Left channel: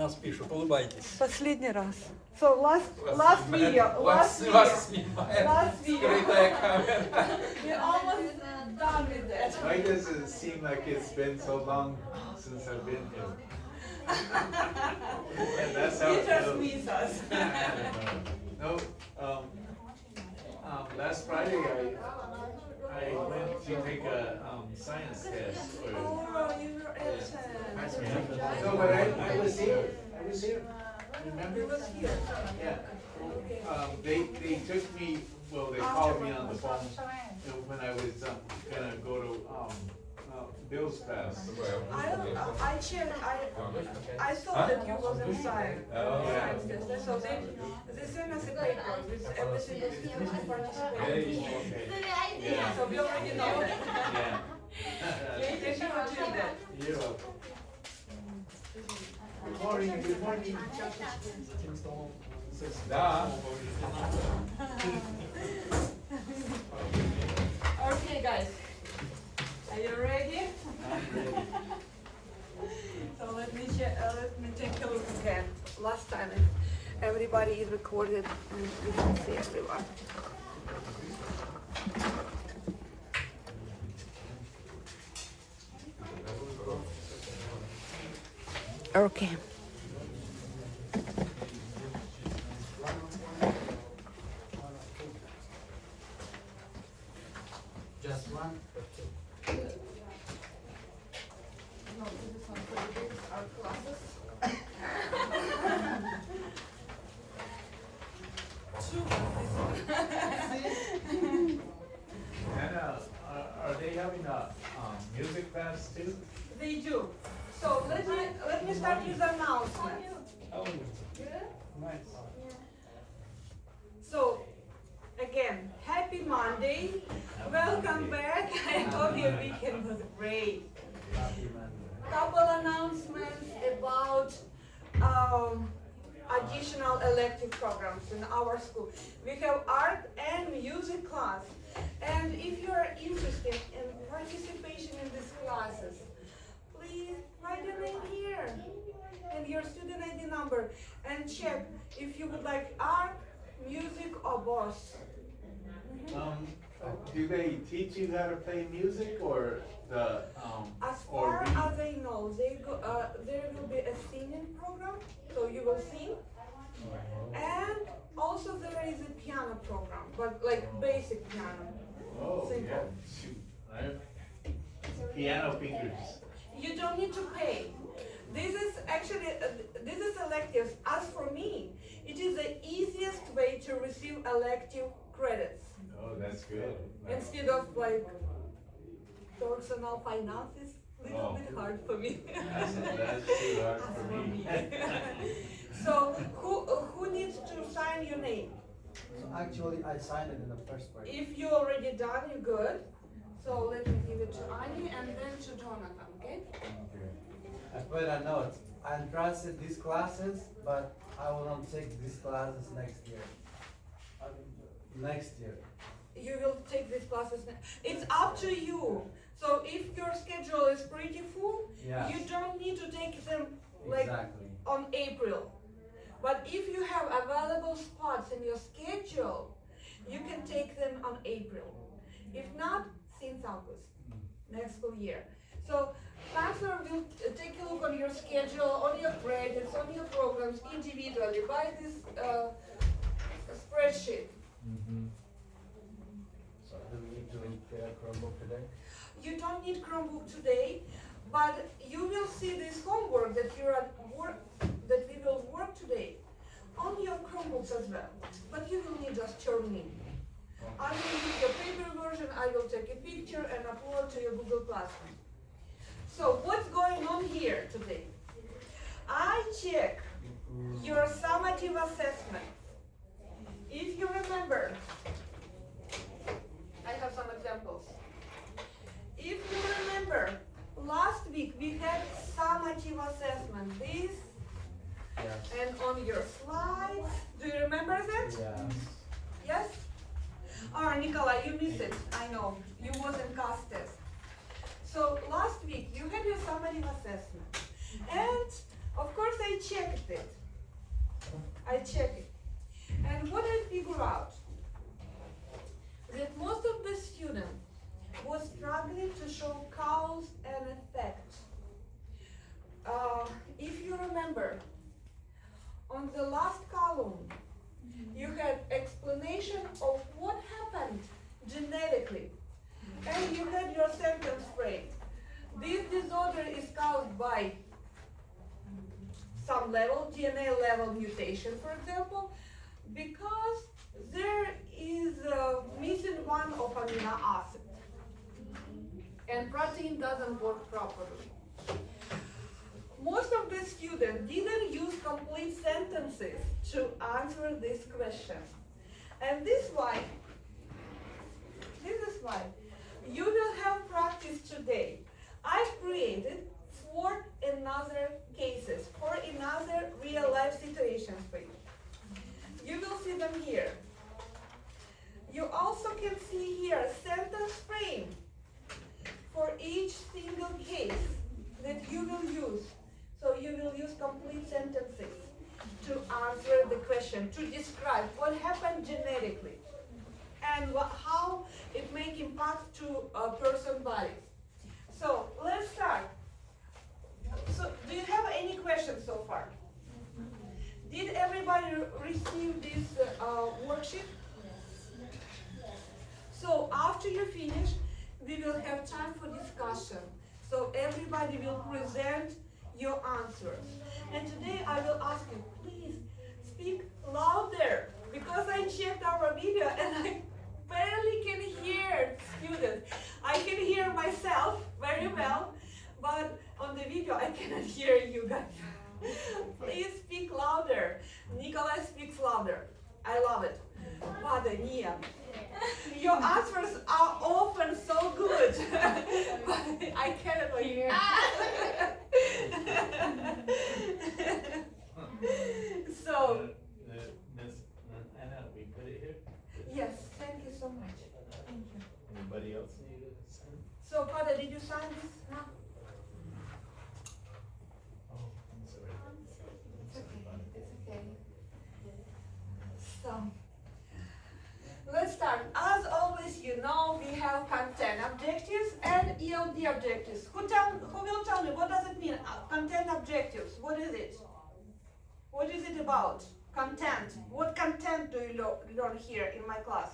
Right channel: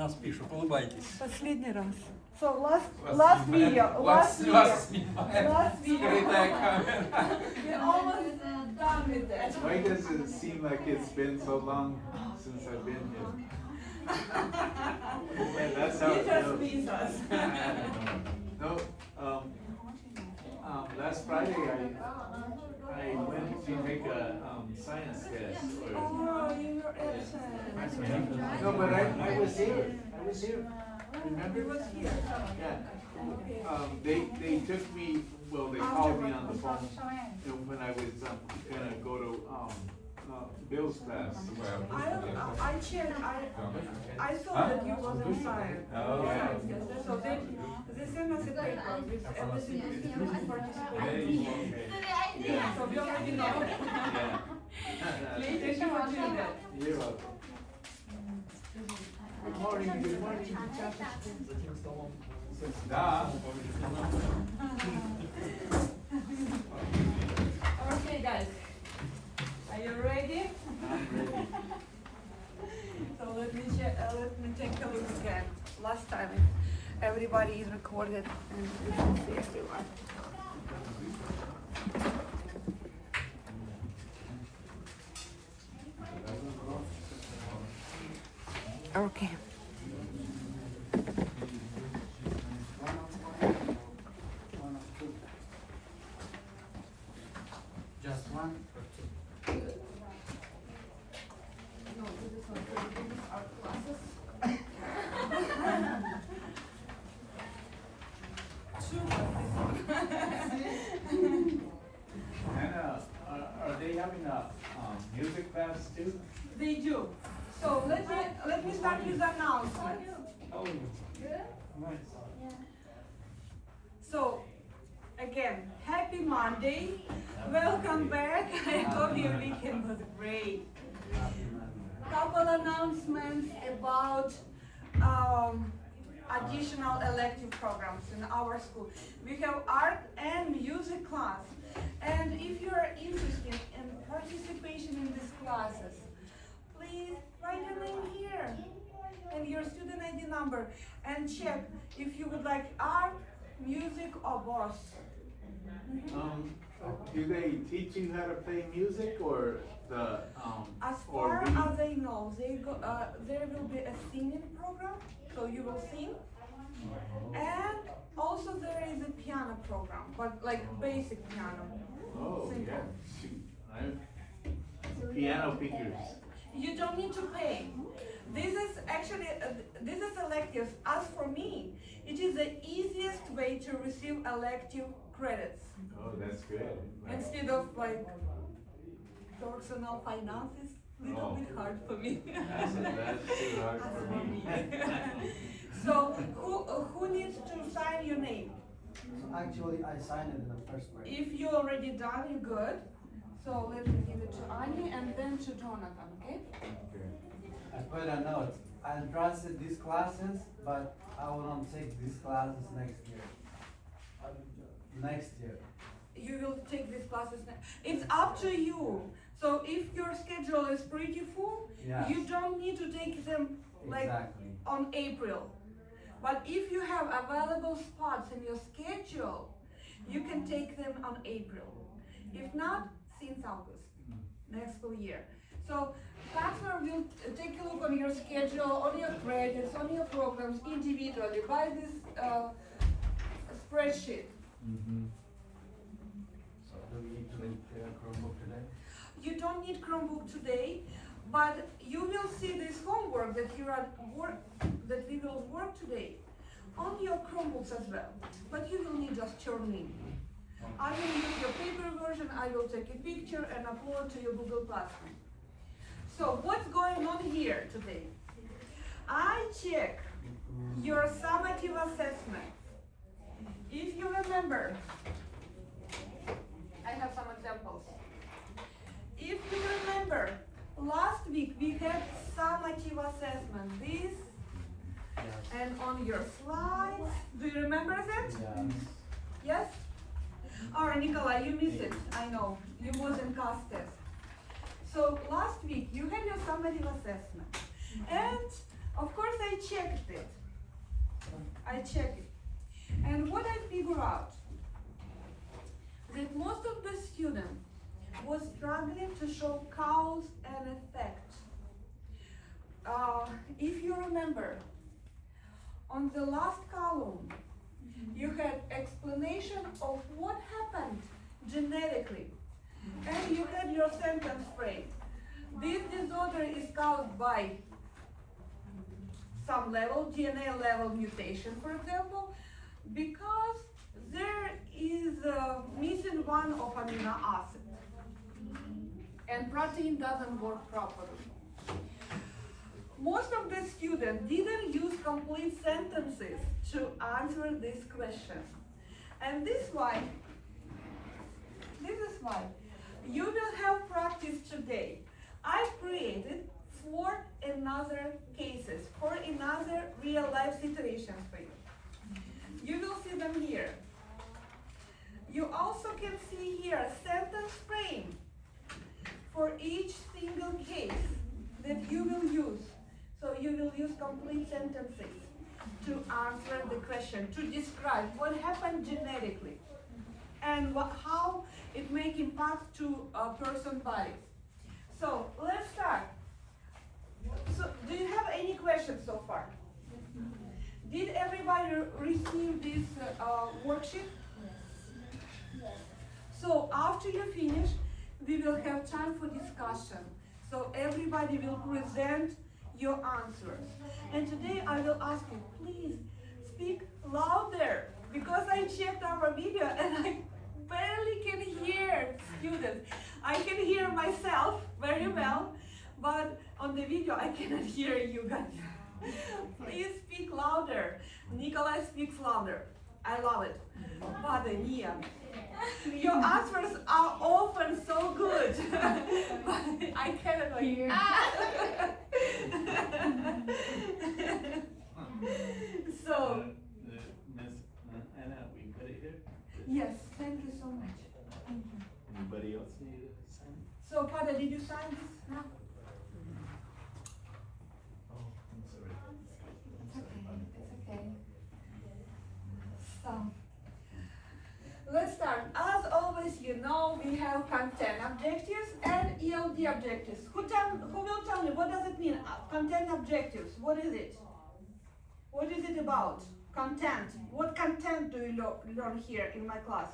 Нас пишут, улыбайтесь. Последний раз. So last video. Вас снимает Last video. скрытая камера. We're almost done with that. Why does it seem like it's been so long since I've been here? And that's how You it just feels. miss us. No, last Friday I went to take a science test. Oh, you were absent. No, but I was here. I was here. Remember? You was here. Yeah. They took me. Well, they called me on the phone when I was gonna go to Bill's class. I checked. I saw that you was inside. So they sent us a paper with every single student who participated. Yeah. So we already know that. Yeah. Thank you for doing that. You're welcome. Good morning. Good morning. Да. Okay, guys. Are you ready? I'm ready. So let me take a look again. Last time everybody is recorded and we can see everyone. Okay. Just one or two? No, this is not for the art classes. And are they having a music class too? They do. So let me start with the announcement. Oh, nice. So again, happy Monday. Welcome back. I hope your weekend was great. Couple announcements about additional elective programs in our school. We have art and music class. And if you are interested in participation in these classes, please write a name here and your student ID number and check if you would like art, music, or both. Do they teach you how to play music or the As or far read? as I know, there will be a singing program, so you will sing. And also there is a piano program, but like basic piano. Oh, Simple. yeah. Shoot. I have piano fingers. You don't need to pay. This is actually, this is electives. As for me, it is the easiest way to receive elective credits. Oh, that's good. Instead of like personal finances, little Oh. bit hard for me. That's too hard for me. So who needs to sign your name? So actually, I signed it in the first part. If you already done, you're good. So let me give it to Annie and then to Jonathan, okay? I put a note. I entrusted these classes, but I will not take these classes next year. Next year. You will take these classes. It's up to you. So if your schedule is pretty full, Yes. you don't need to take them like Exactly. on April. But if you have available spots in your schedule, you can take them on April. If not, since August, next school year. So counselor will take a look on your schedule, on your credits, on your programs individually by this spreadsheet. So do we need to make a Chromebook today? You don't need Chromebook today, but you will see this homework that you are that we will work today on your Chromebooks as well. But you will need just your name. I will use your paper version, I will take a picture and upload to your Google Classroom. So what's going on here today? I check your summative assessment. If you remember, I have some examples. If you remember, last week we had summative assessment. This Yes. and on your slides. Do you remember that? Yes. Yes? Oh, Nikolai, you missed it. I know. You wasn't cast test. So last week you had your summative assessment. And Of course, I checked it. And what I figured out, that most of the students was struggling to show cause and effect. If you remember, on the last column, you had explanation of what happened genetically, and you had your sentence frame. This disorder is caused by some level, DNA level mutation, for example, because there is missing one of amino acid, and protein doesn't work properly. Most of the students didn't use complete sentences to answer this question. And this is why you will have practice today. I've created 4 another cases, 4 another real life situations for you. You will see them here. You also can see here a sentence frame for each single case that you will use. So you will use complete sentences to answer the question, to describe what happened genetically and how it may impact to a person's body. So let's start. So do you have any questions so far? Did everybody receive this worksheet? So after you finish, we will have time for discussion. So everybody will present your answers. And today I will ask you, please speak louder, because I checked our video and I barely can hear students. I can hear myself very well, but on the video I cannot hear you guys. Please speak louder. Nikolai speaks louder. I love it. Father Nia, your answers are often so good, but I cannot hear. So, Miss Anna, we put it here? yes, thank you so much. Thank you. Anybody else need to sign? So, Father, did you sign this now? Oh, I'm sorry. It's okay, it's okay. So, let's start. As always, you know, we have content objectives and ELD objectives. Who will tell me, what does it mean? Content objectives, what is it? What is it about? Content. What content do you learn here in my class?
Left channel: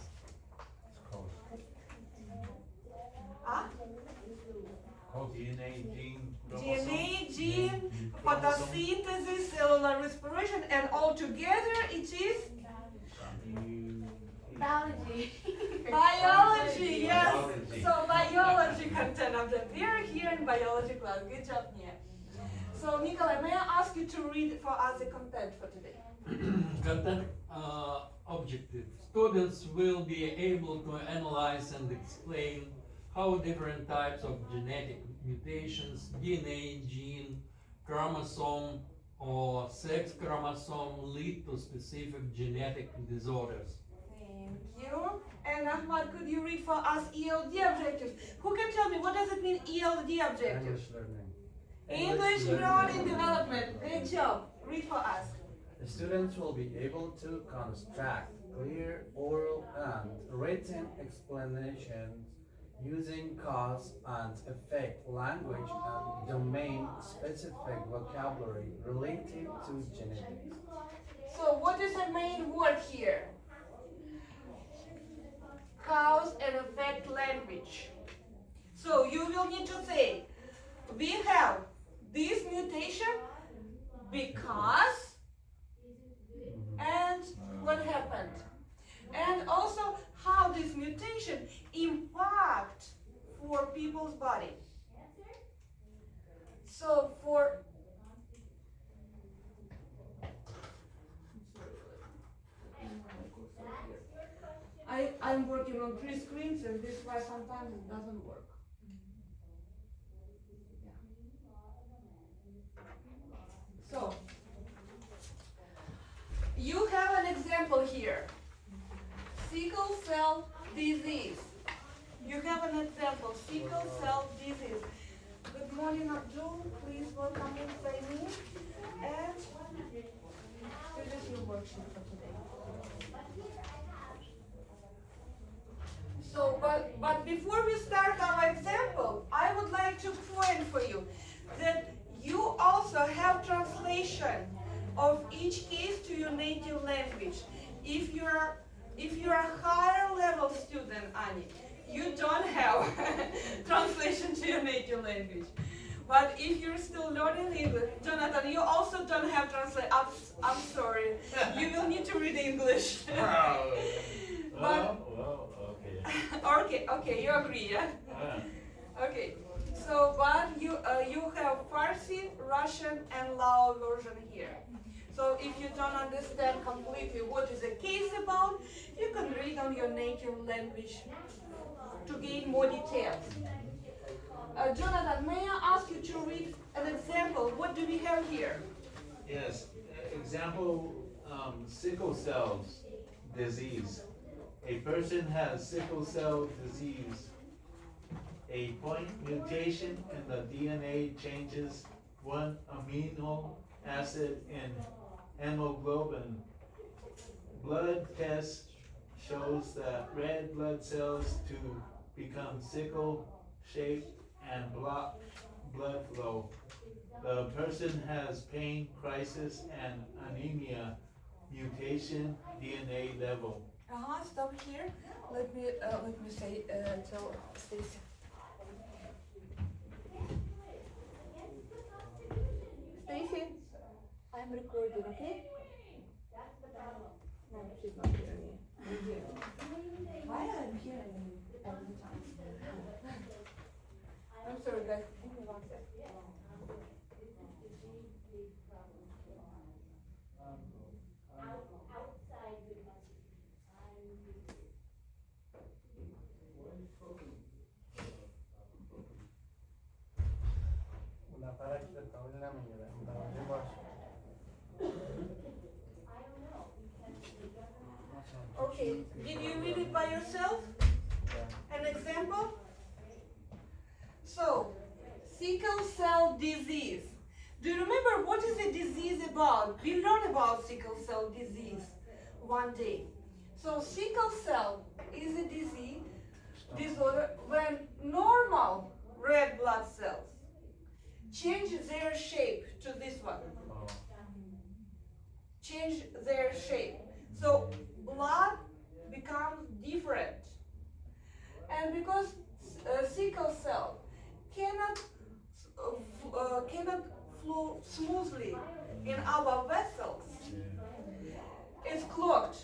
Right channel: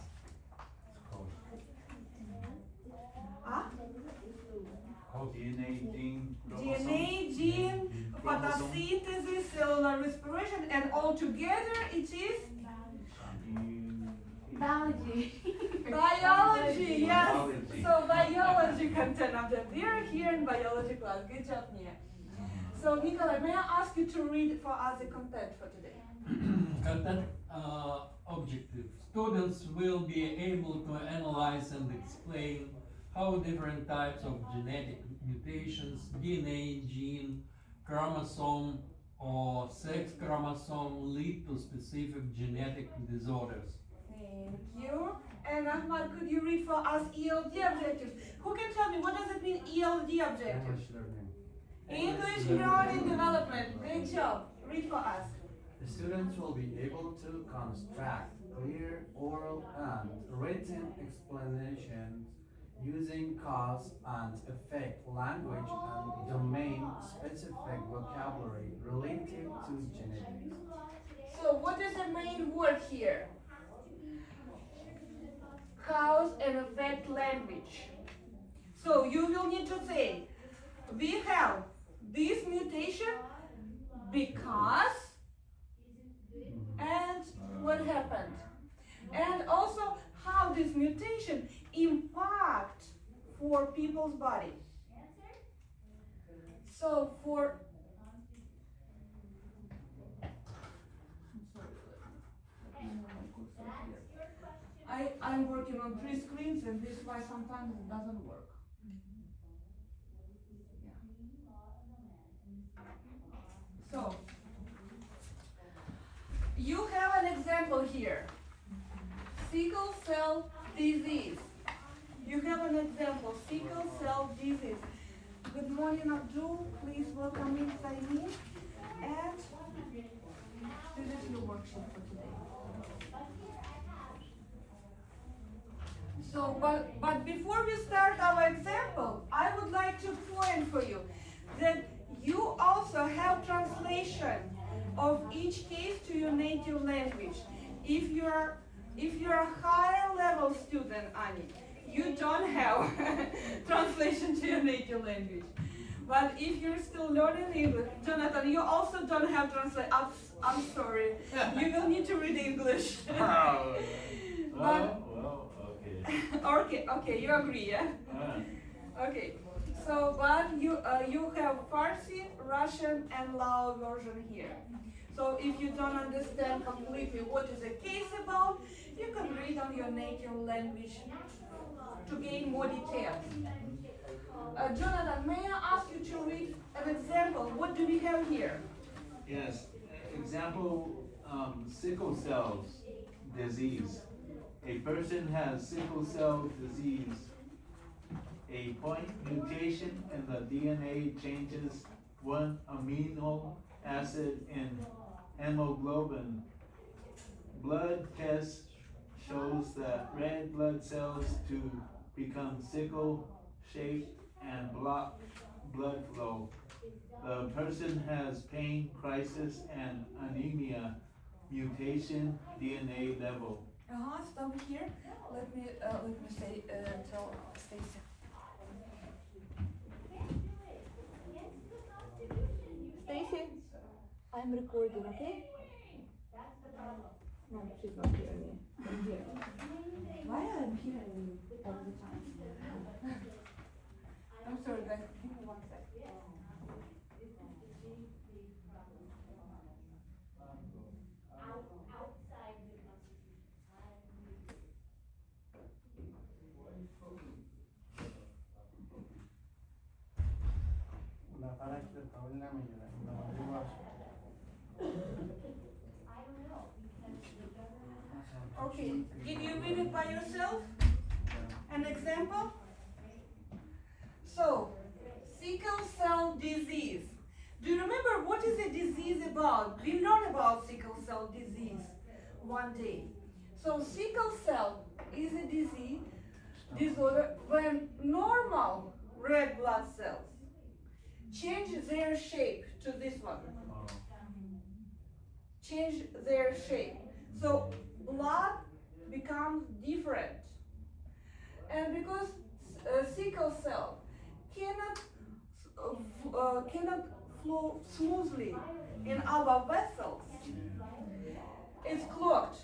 Huh? DNA, gene, DNA, gene, photosynthesis, cellular respiration, and all together it is Biology. biology, yes. Biology. So biology content of them. We are here in biology class. Good job, Nia. So Nikolai, may I ask you to read for us the content for today? Content objective. Students will be able to analyze and explain how different types of genetic mutations, DNA, gene, chromosome, or sex chromosome lead to specific genetic disorders. Thank you. And Ahmad, could you read for us ELD objectives? Who can tell me what does it mean ELD objectives? English learning. English learning development. Great job. Read for us. The students will be able to construct clear oral and written explanations using cause and effect language and domain-specific vocabulary related to genetics. So what is the main word here? Cause and effect language. So you will need to say, we have this mutation because, and what happened. And also how this mutation impact for people's body. So for I'm working on 3 screens, and this is why sometimes it doesn't work. Yeah. So you have an example here. Sickle cell disease. You have an example, sickle cell disease. Good morning, Abdul. Please welcome inside me. And this is your worksheet for today. So, but before we start our example, I would like to point for you that you also have translation of each case to your native language. If you're a higher level student, Annie, you don't have translation to your native language. But if you're still learning English, Jonathan, you also don't have translation. I'm sorry, you will need to read English. Okay, you agree, yeah? Okay, so but you have Farsi, Russian, and Lao version here. So if you don't understand completely what is the case about, you can read on your native language to gain more details. Jonathan, may I ask you to read an example? What do we have here? Yes, example, sickle cell disease. A person has sickle cell disease. A point mutation in the DNA changes one amino acid in hemoglobin. Blood test shows that red blood cells to become sickle shaped and block blood flow. The person has pain, crisis, and anemia, mutation, DNA level. Stop here. Let me say tell Stacy. Stacy, I'm recording, okay? No, she's not hearing me. I'm hearing. Why I'm hearing you all the time? I'm sorry, guys. Give me 1 second. Okay, did you read it by yourself? An example? So, sickle cell disease. Do you remember what is a disease about? We learned about sickle cell disease one day. So, sickle cell is a disorder when normal red blood cells change their shape to this one. Change their shape. So blood becomes different. And because sickle cell cannot flow smoothly in our vessels, it's clogged.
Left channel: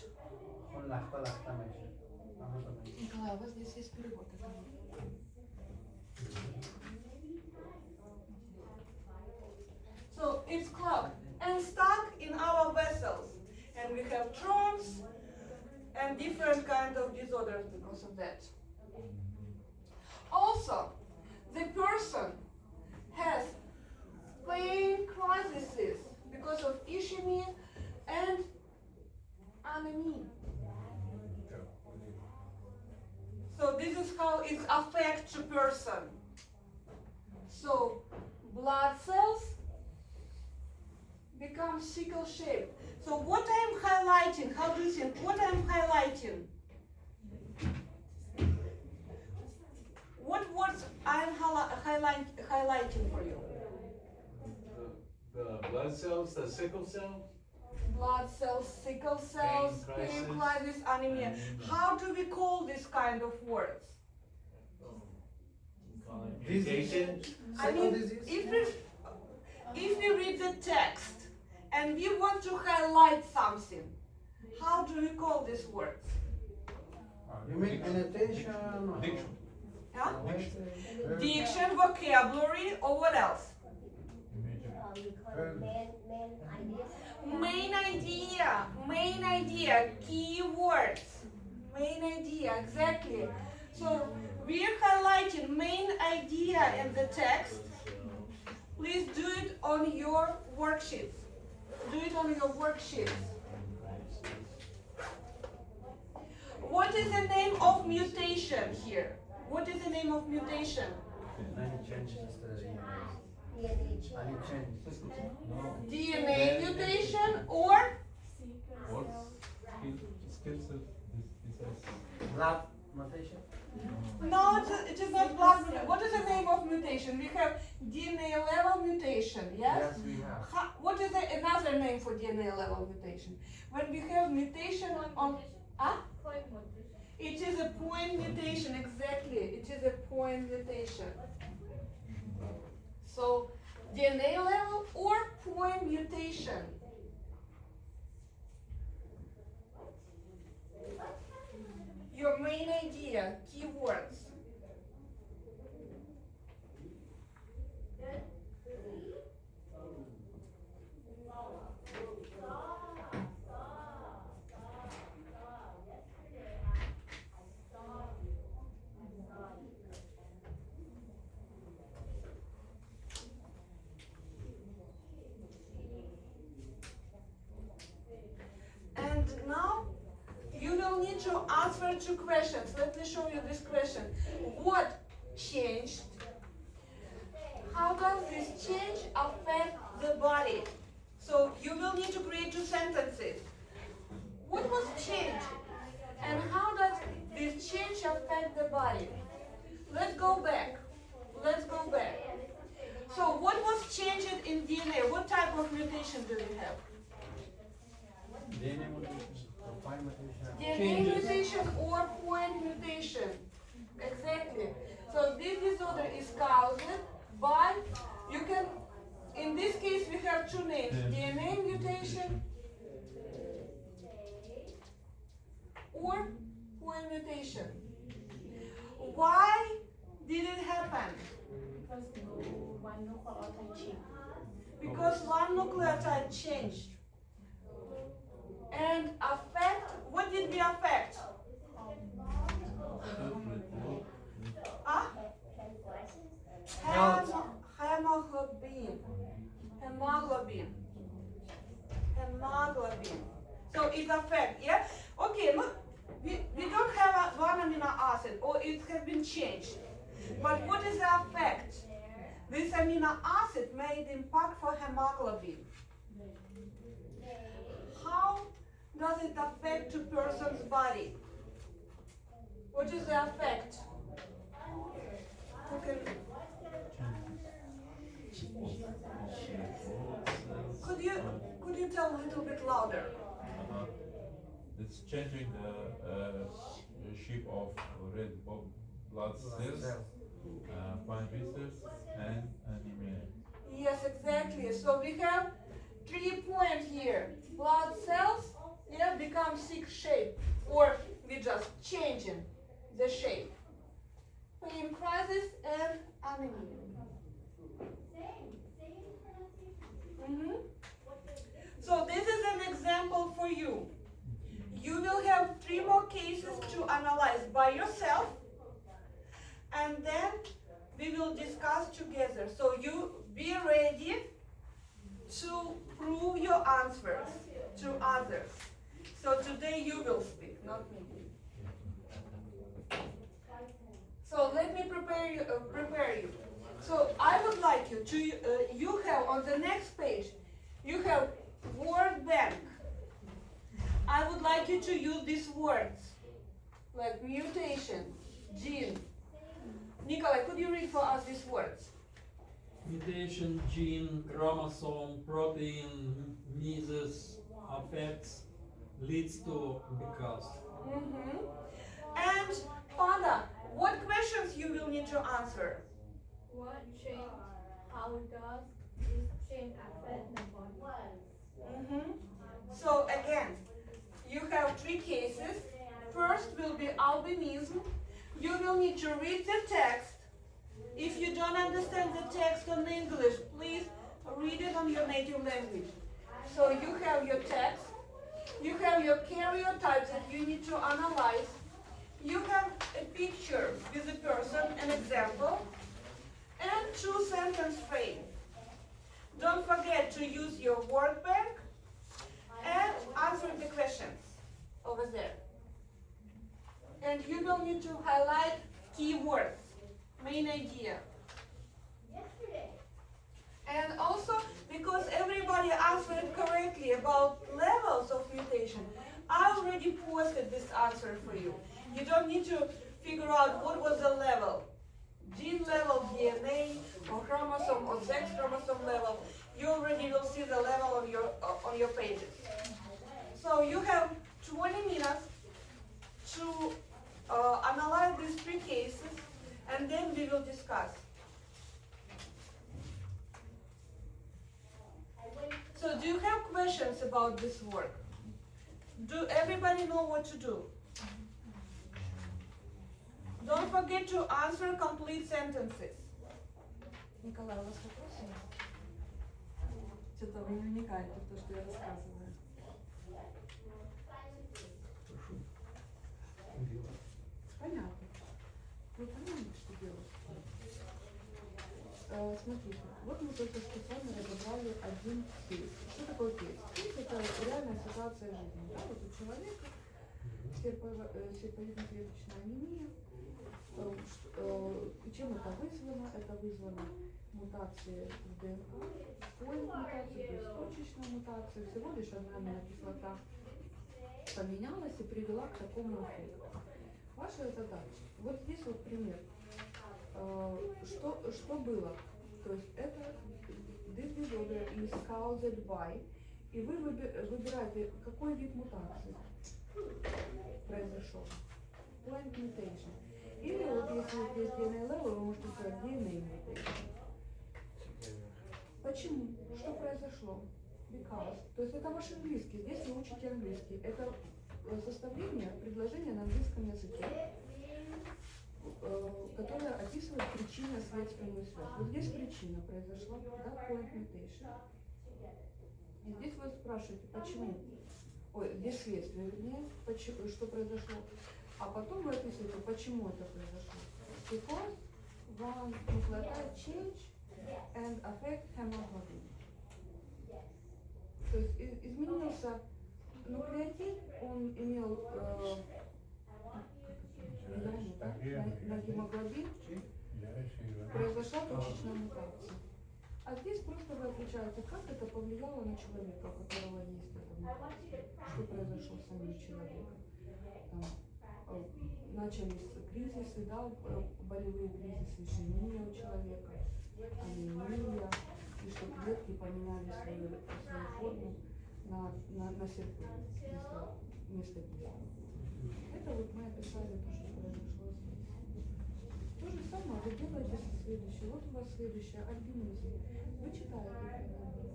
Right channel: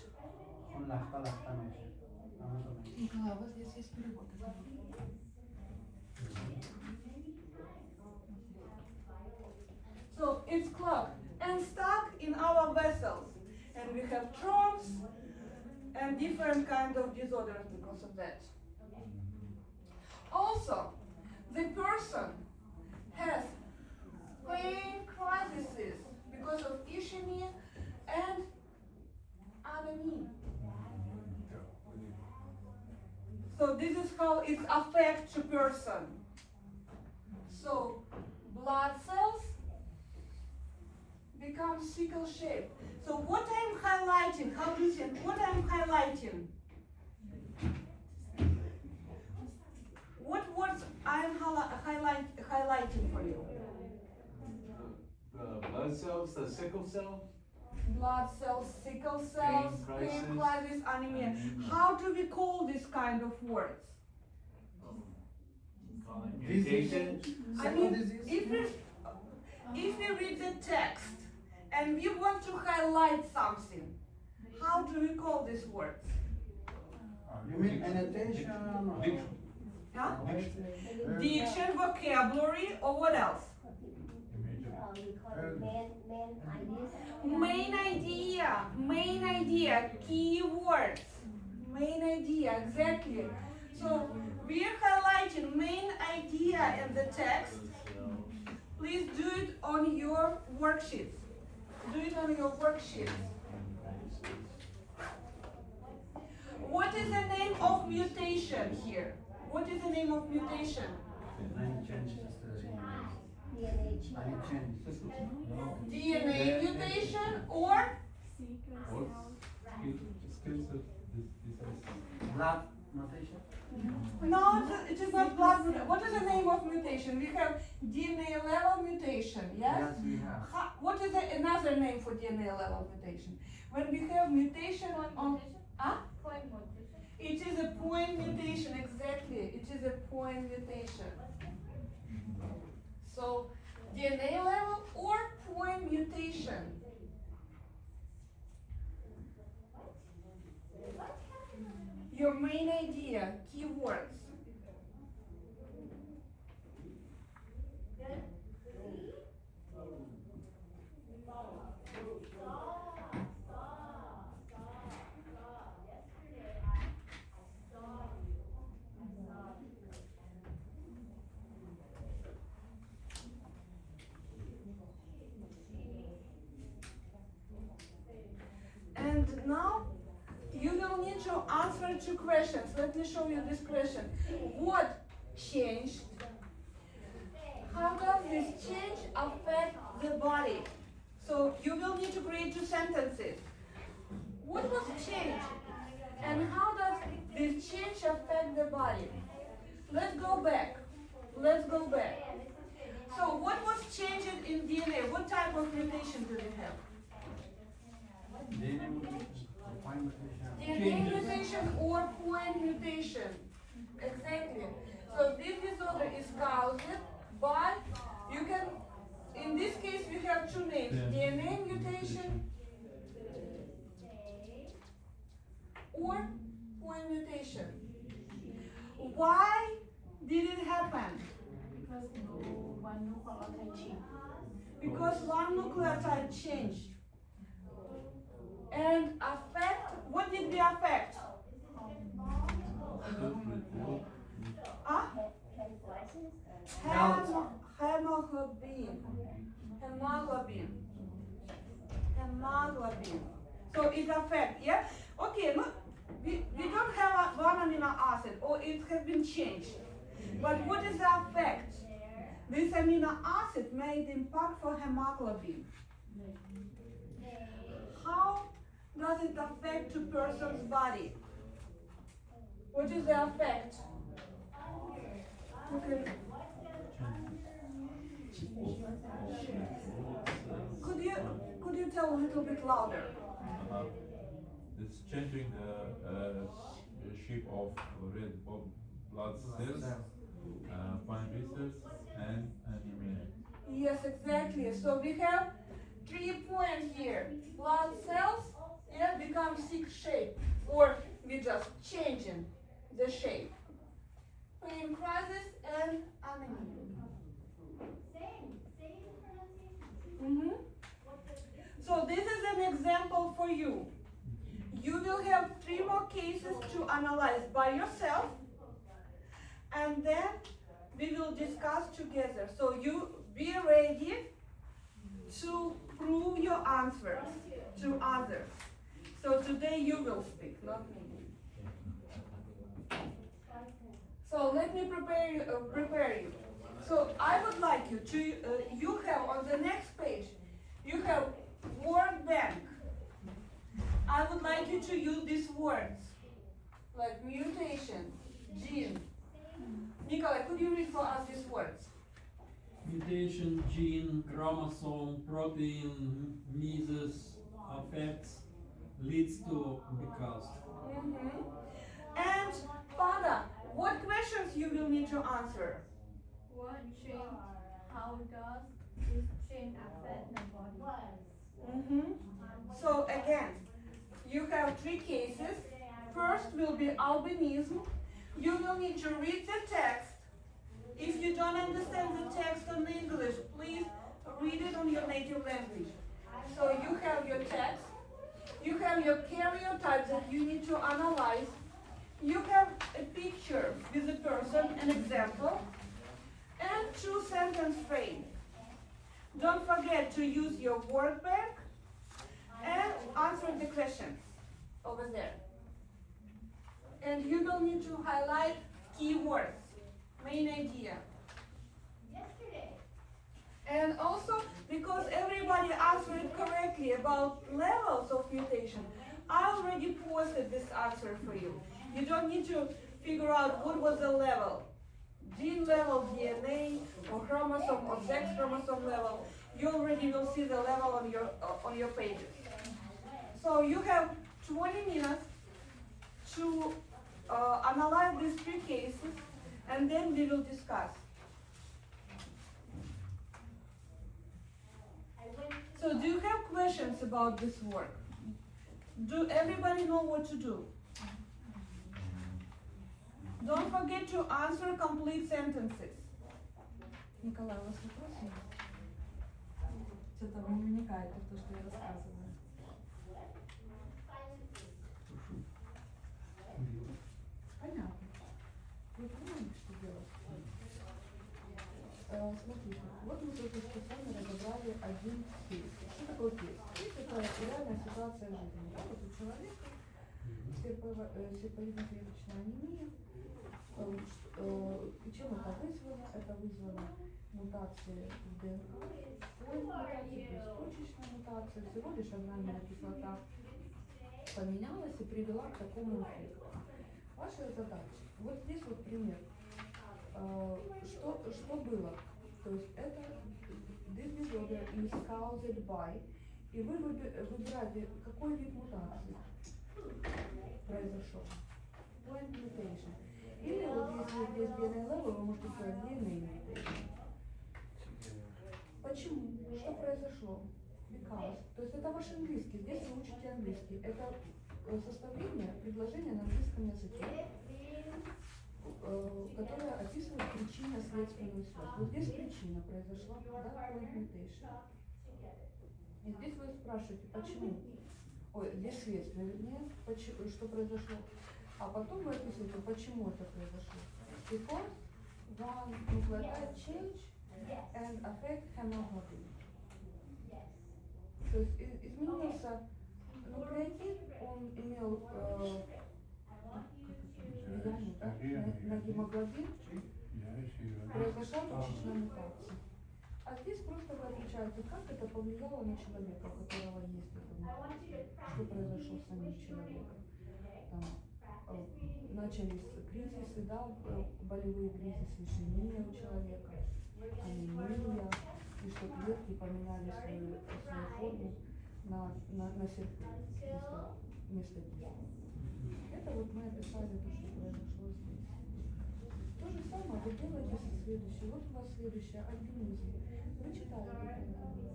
So it's clogged and stuck in our vessels. And we have tromps and different kinds of disorders because of that. Also, the person has pain crises because of ischemia and anemia. So this is how it affects a person. So blood cells become sickle shaped. So what I'm highlighting, how do you think? What I'm highlighting? What words I'm highlighting for you? The blood cells, the sickle cell? Blood cells, sickle cells, pain crisis, anemia. How do we call this kind of words? Mutation? I mean, if we read the text and we want to highlight something, how do we call these words? You mean annotation? Diction. Yeah? Diction, vocabulary, or what else? Main idea, keywords. Main idea, exactly. So we are highlighting main idea in the text. Please do it on your worksheets. Do it on your worksheets. What is the name of mutation here? What is the name of mutation? Many changes to the DNA. And it changes. DNA mutation or Blood mutation? no, it is not blood mutation. What is the name of mutation? We have DNA level mutation, yes? Yes, we have. What is another name for DNA level mutation? When we have mutation on it is a point mutation, exactly. It is a point mutation. So DNA level or point mutation. Your main idea, keywords. And now you will need to answer two questions. Let me show you this question. What changed? How does this change affect the body? So you will need to create two sentences. What was changed? And how does this change affect the body? Let's go back. Let's go back. So what was changed in DNA? What type of mutation do we have? DNA mutation, point mutation. DNA mutation or point mutation. Exactly. So this disorder is caused by, you can, in this case we have two names, DNA mutation or point mutation. Why did it happen? Because one nucleotide changed. And affect, what did we affect? Huh? Hemoglobin. Hemoglobin. Hemoglobin. So it affects, yeah? Okay, look, we don't have one amino acid, or it has been changed. But what is the effect? This amino acid made impact for hemoglobin. How does it affect a person's body? What is the effect? Okay. Could you tell a little bit louder? It's changing the shape of red blood cells, fine vessels, and anemia. Yes, exactly. So we have 3 points here. Blood cells, yeah, become sick shape, or we just changing the shape. Pain crisis and anemia. So this is an example for you. You will have 3 more cases to analyze by yourself, and then we will discuss together. So you be ready to prove your answers to others. So today you will speak, not me. So let me prepare you. So I would like you to, you have on the next page, you have word bank. I would like you to use these words, like mutation, gene. Nikolai, could you read for us these words? Mutation, gene, chromosome, protein, measles, affects, leads to, because. And Panda, what questions you will need to answer? What change? How does this change affect the body? So again, you have 3 cases. First will be albinism. You will need to read the text. If you don't understand the text on English, please read it on your native language. So you have your text. You have your karyotypes that you need to analyze. You have a picture with a person, an example, and 2 sentence frame. Don't forget to use your word bank and answer the questions over there. And you will need to highlight keywords, main idea. about levels of mutation, I already posted this answer for you. You don't need to figure out what was the level. Gene level, DNA, or chromosome, or sex chromosome level. You already will see the level on your pages. So you have 20 minutes to analyze these three cases, and then we will discuss. So do you have questions about this work? Do everybody know what to do? Don't forget to answer complete sentences. Николай, у вас вопросы? Что-то вы намекаете в то, что я рассказываю. Понятно. Вы понимаете, что делать? Смотрите, вот мы только что с вами разобрали один кейс. Что такое кейс? Кейс — это реальная ситуация жизни. Да? Вот у человека серповидно-клеточная анемия. Чем это вызвано? Это вызвано мутацией в ДНК, мутацией, то есть точечная мутация. Всего лишь аминная кислота поменялась и привела к такому эффекту. Ваша задача. Вот здесь вот пример. Что было? То есть это this disorder is caused by, и вы выбираете, какой вид мутации произошел. Point mutation. Или вот если здесь DNA level, вы можете сказать DNA mutation. Почему? Что произошло? Because. То есть это ваш английский. Здесь вы учите английский. Это составление предложения на английском языке, которое описывает причинно-следственную связь. Вот здесь причина произошла, да, point mutation. И здесь вы спрашиваете, почему? Ой, здесь следствие, вернее, что произошло. А потом вы описываете, почему это произошло. Because one nucleotide change and affect hemoglobin. То есть изменился нуклеотид, он имел влияние, да, на гемоглобин, произошла точечная мутация. А здесь просто вы отвечаете, как это повлияло на человека, у которого есть эта мутация, что произошло с самим человеком. Там, начались кризисы, да, болевые кризисы, ишемия у человека, анемия, и что клетки поменяли свою форму на серпень вместо пищи. Это вот мы описали то, что произошло здесь. То же самое вы делаете со следующей. Вот у вас следующее альбинизм. Вы читали, как это было.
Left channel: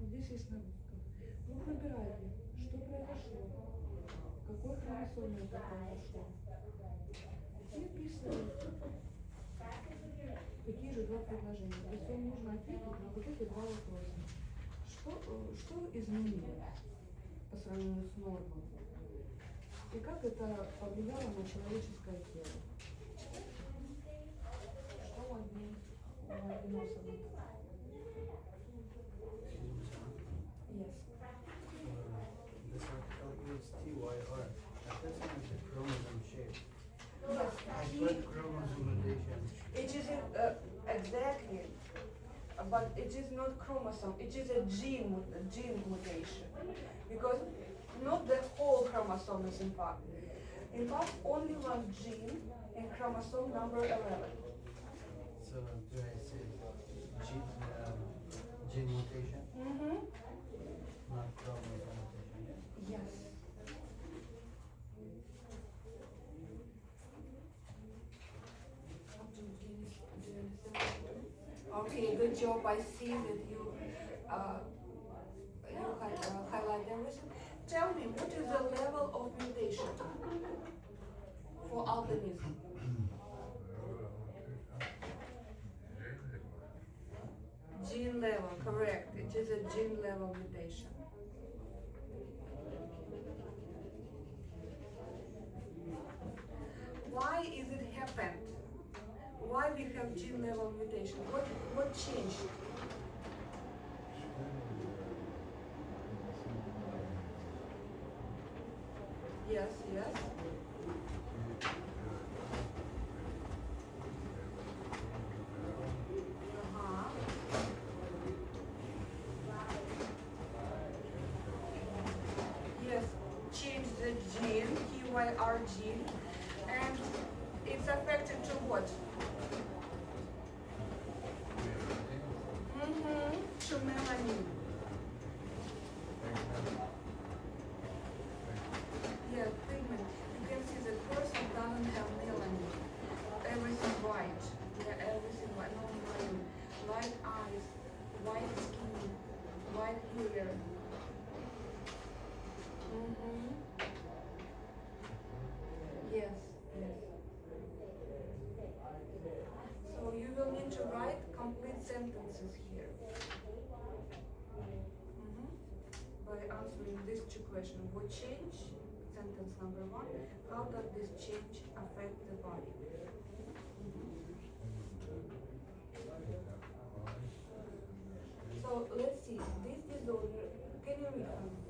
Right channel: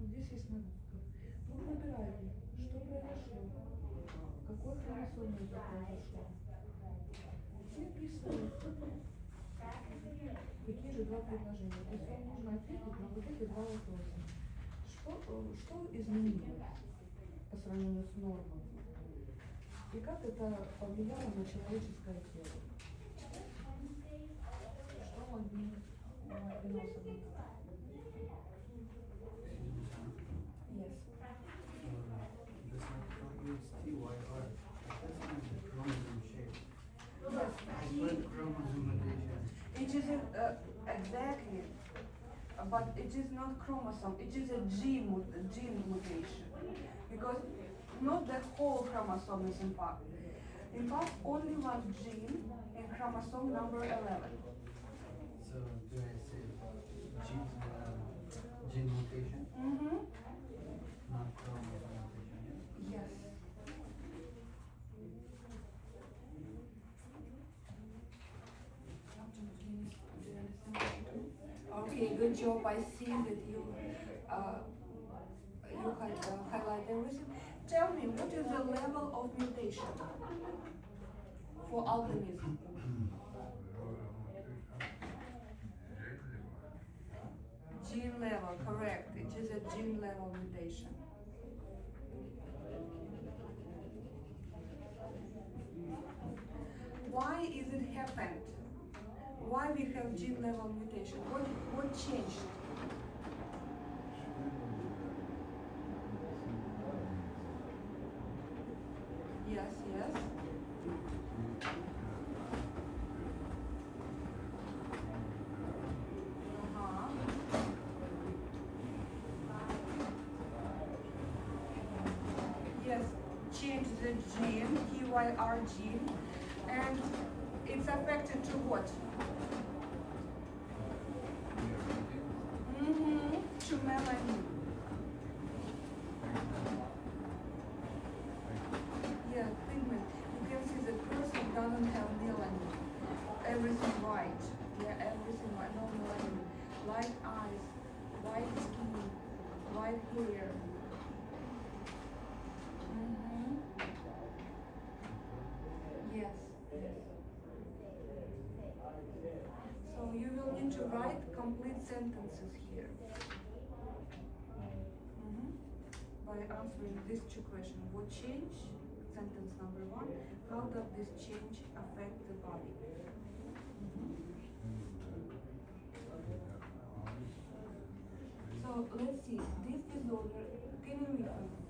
Здесь есть на русском. Вы выбираете, что произошло, какой хромосоме это произошло. И описываете, какие же два предложения. То есть вам нужно ответить на вот эти два вопроса. Что изменилось по сравнению с нормой? И как это повлияло на человеческое тело? Что одни альбиносами? Yes. This one is TYR. This one is a chromosome shape. Yes. What chromosome mutation? It is exactly, but it is not chromosome. It is a gene mutation, because not the whole chromosome is impacted. In fact, only one gene in chromosome number 11. So do I say gene mutation? Mm-hmm. Not chromosome mutation, yeah? Yes. Okay, good job. I see that you highlight everything. Tell me, what is the level of mutation for albinism? Gene level, correct. It is a gene level mutation. Why is it happened? Why we have gene level mutation? What changed? Yes, yes. Uh-huh. TYR gene, and it's affected to what? To melanin. Yeah, pigment. You can see the person doesn't have melanin. Everything white. Yeah, everything white. No melanin. White eyes, white skin, white hair. Yes, yes. So you will need to write complete sentences here. By answering these two questions. What change? Sentence number one. How does this change affect the body? So let's see. This disorder. Can you read for me?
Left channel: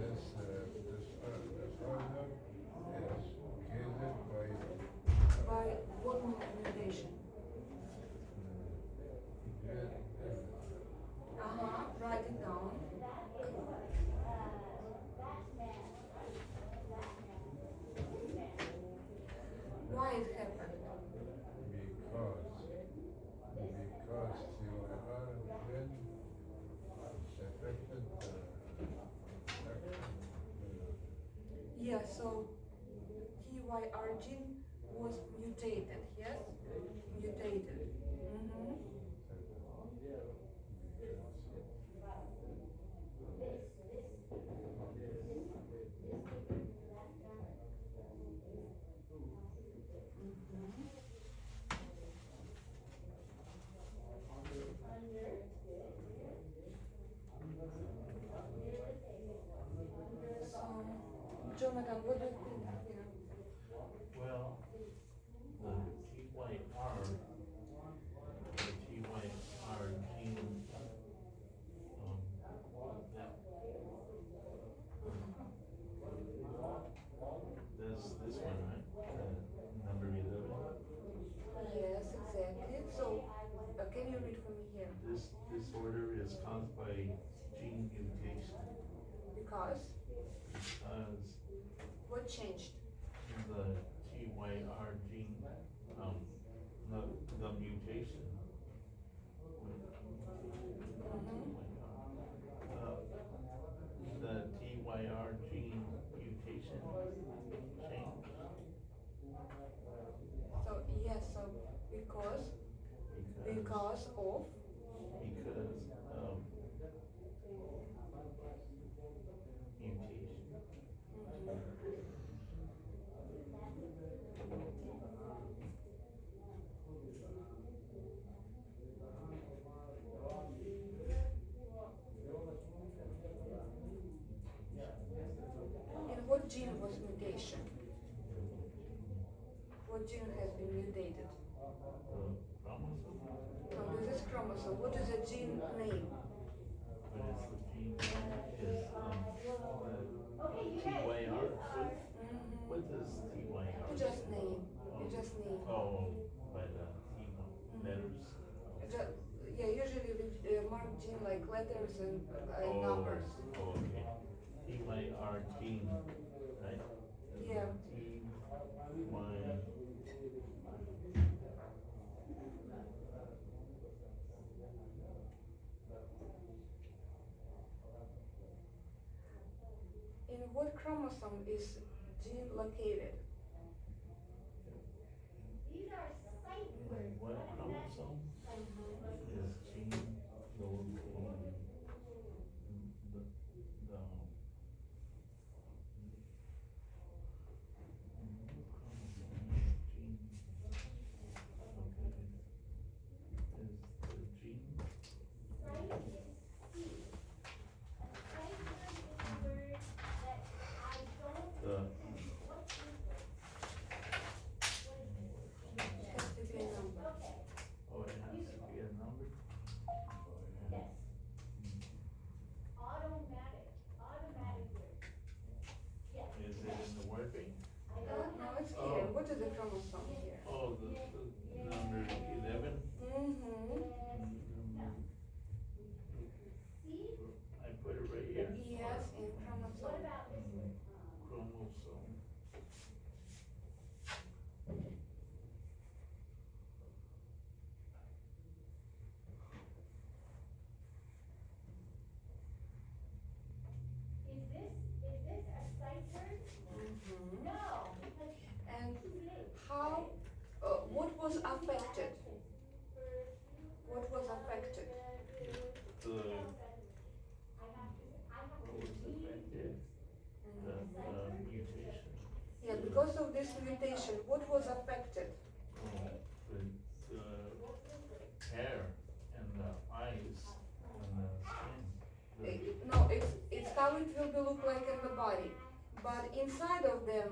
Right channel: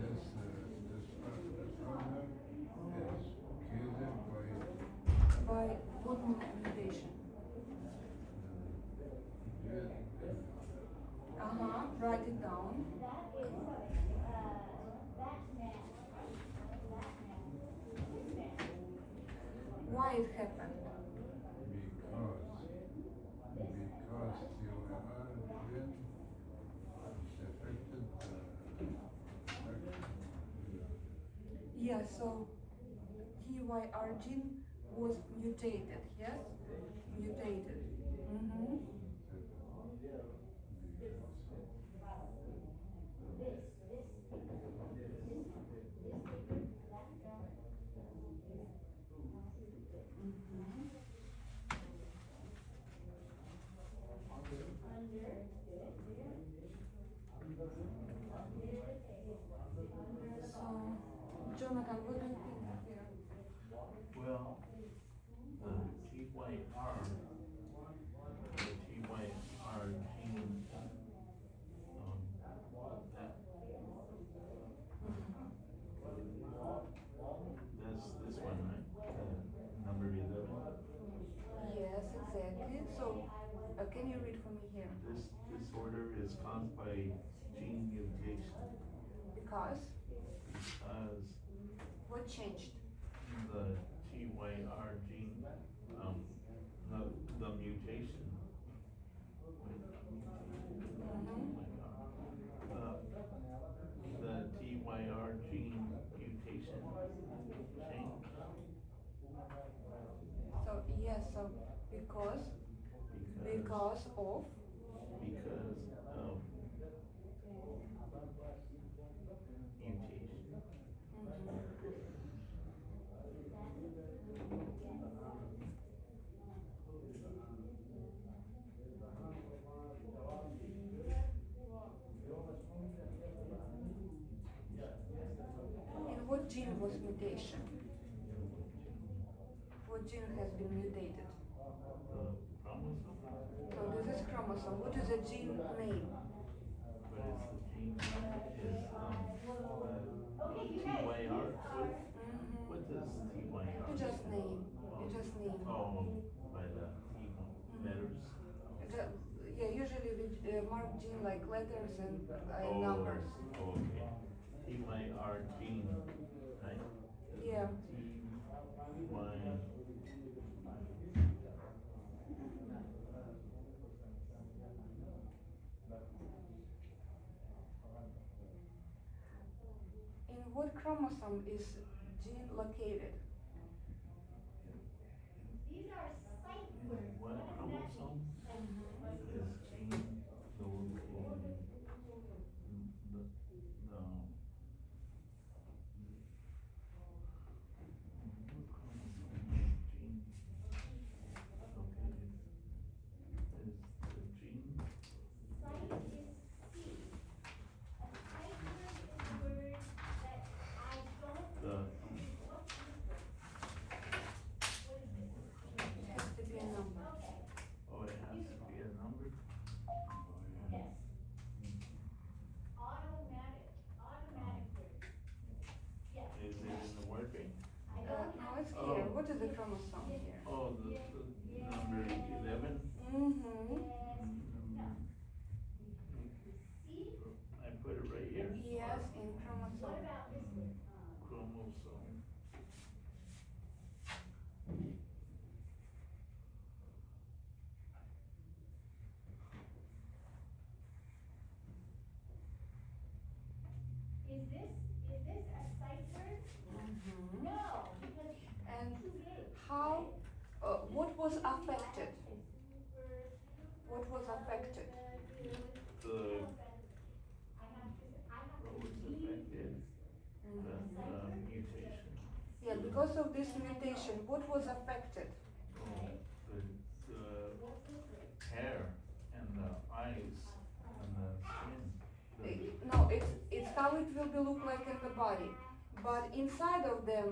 This disorder is caused By what mutation? Write it down. Why it happened? because TYR gene affected Yeah, so TYR gene was mutated, yes? Mutated. So, Jonathan, what do you think here? Well, the TYR gene, this one, right? Number 11. Yes, exactly. So, can you read for me here? This disorder is caused by gene mutation Because what changed? the TYR gene, the mutation. The TYR gene mutation changed. So yes, so because of mutation. in what gene was mutation? What gene has been mutated? The chromosome. So this is chromosome. What is the gene name? What is the gene is TYR. What does TYR? You just name. You just name. Oh, by the T letters. Yeah, usually we mark gene like letters and numbers. Oh, okay. TYR gene, right? Yeah. TY. In what chromosome is gene located? What chromosome is gene located? what was affected? What was affected? The, what was affected? The mutation. Yeah, because of this mutation, what was affected? The hair and the eyes and the skin. No, it's how it will be look like in the body. But inside of the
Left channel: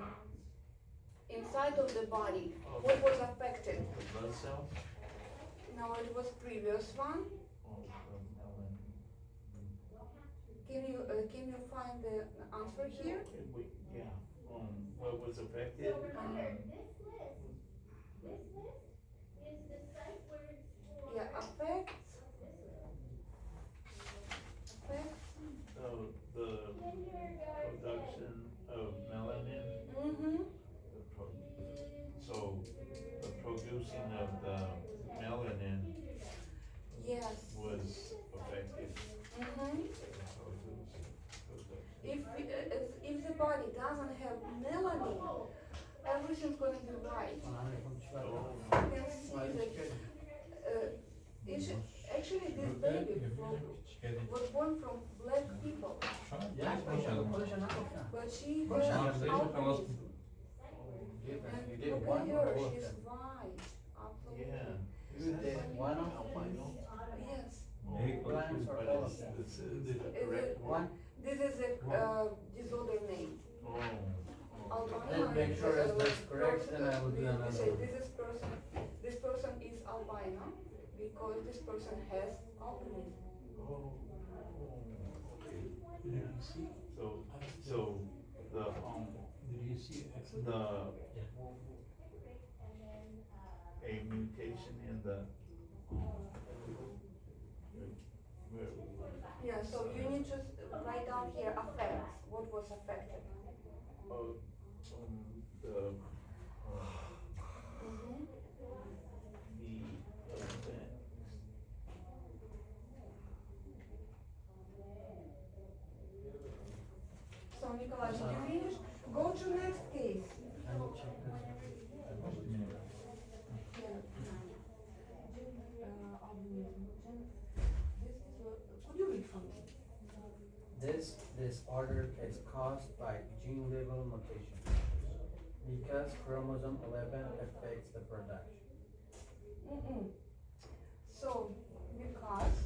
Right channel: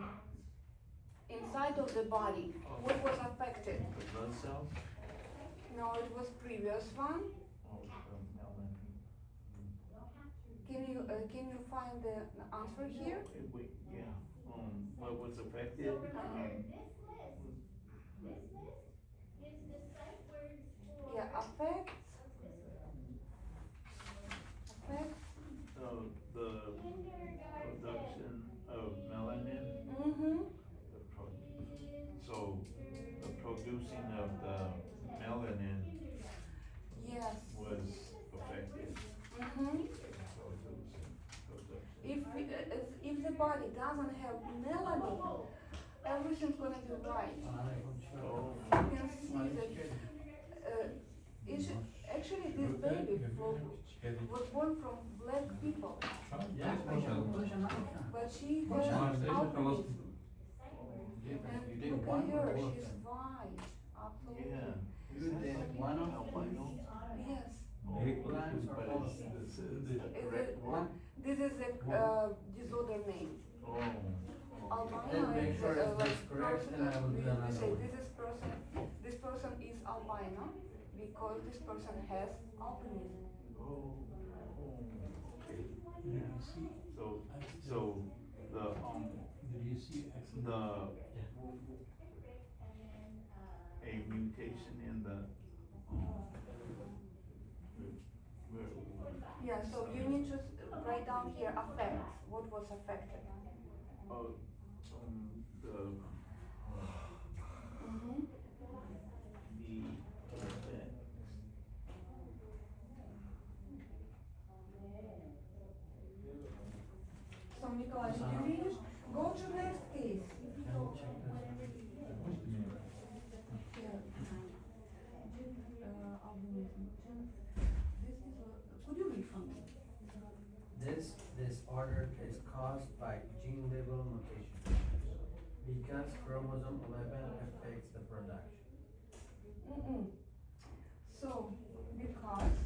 body, what was affected? The blood cells? No, it was previous one. Oh, the melanin. Can you find the answer here? Okay, wait, yeah, what was affected? Yeah, affects. The production of melanin, Mm-hmm. so the producing of the melanin Yes. was affected. Mm-hmm. If the body doesn't have melanin, everything's gonna be right. You can see that actually this baby was born from black people, but she was albinism. And look at her, she's white, absolutely. Yeah. One of Yes. plants or all of them? This is the correct one? This is a disorder name. Albino. Let's make sure if that's correct, then I will do another Say one. this person is albino because this person has albinism. Oh, okay. Did you see? So the, Did you see actually? the, a mutation in the, where, Yeah, so you need to write down here affects. What was affected? oh, the, Mm-hmm. the effects. So Nikolai, did you finish? Go to next case. Can you check this? Albinism. Could you read for me? This disorder is caused by gene level mutation because chromosome 11 affects the production. Mm-mm. So, because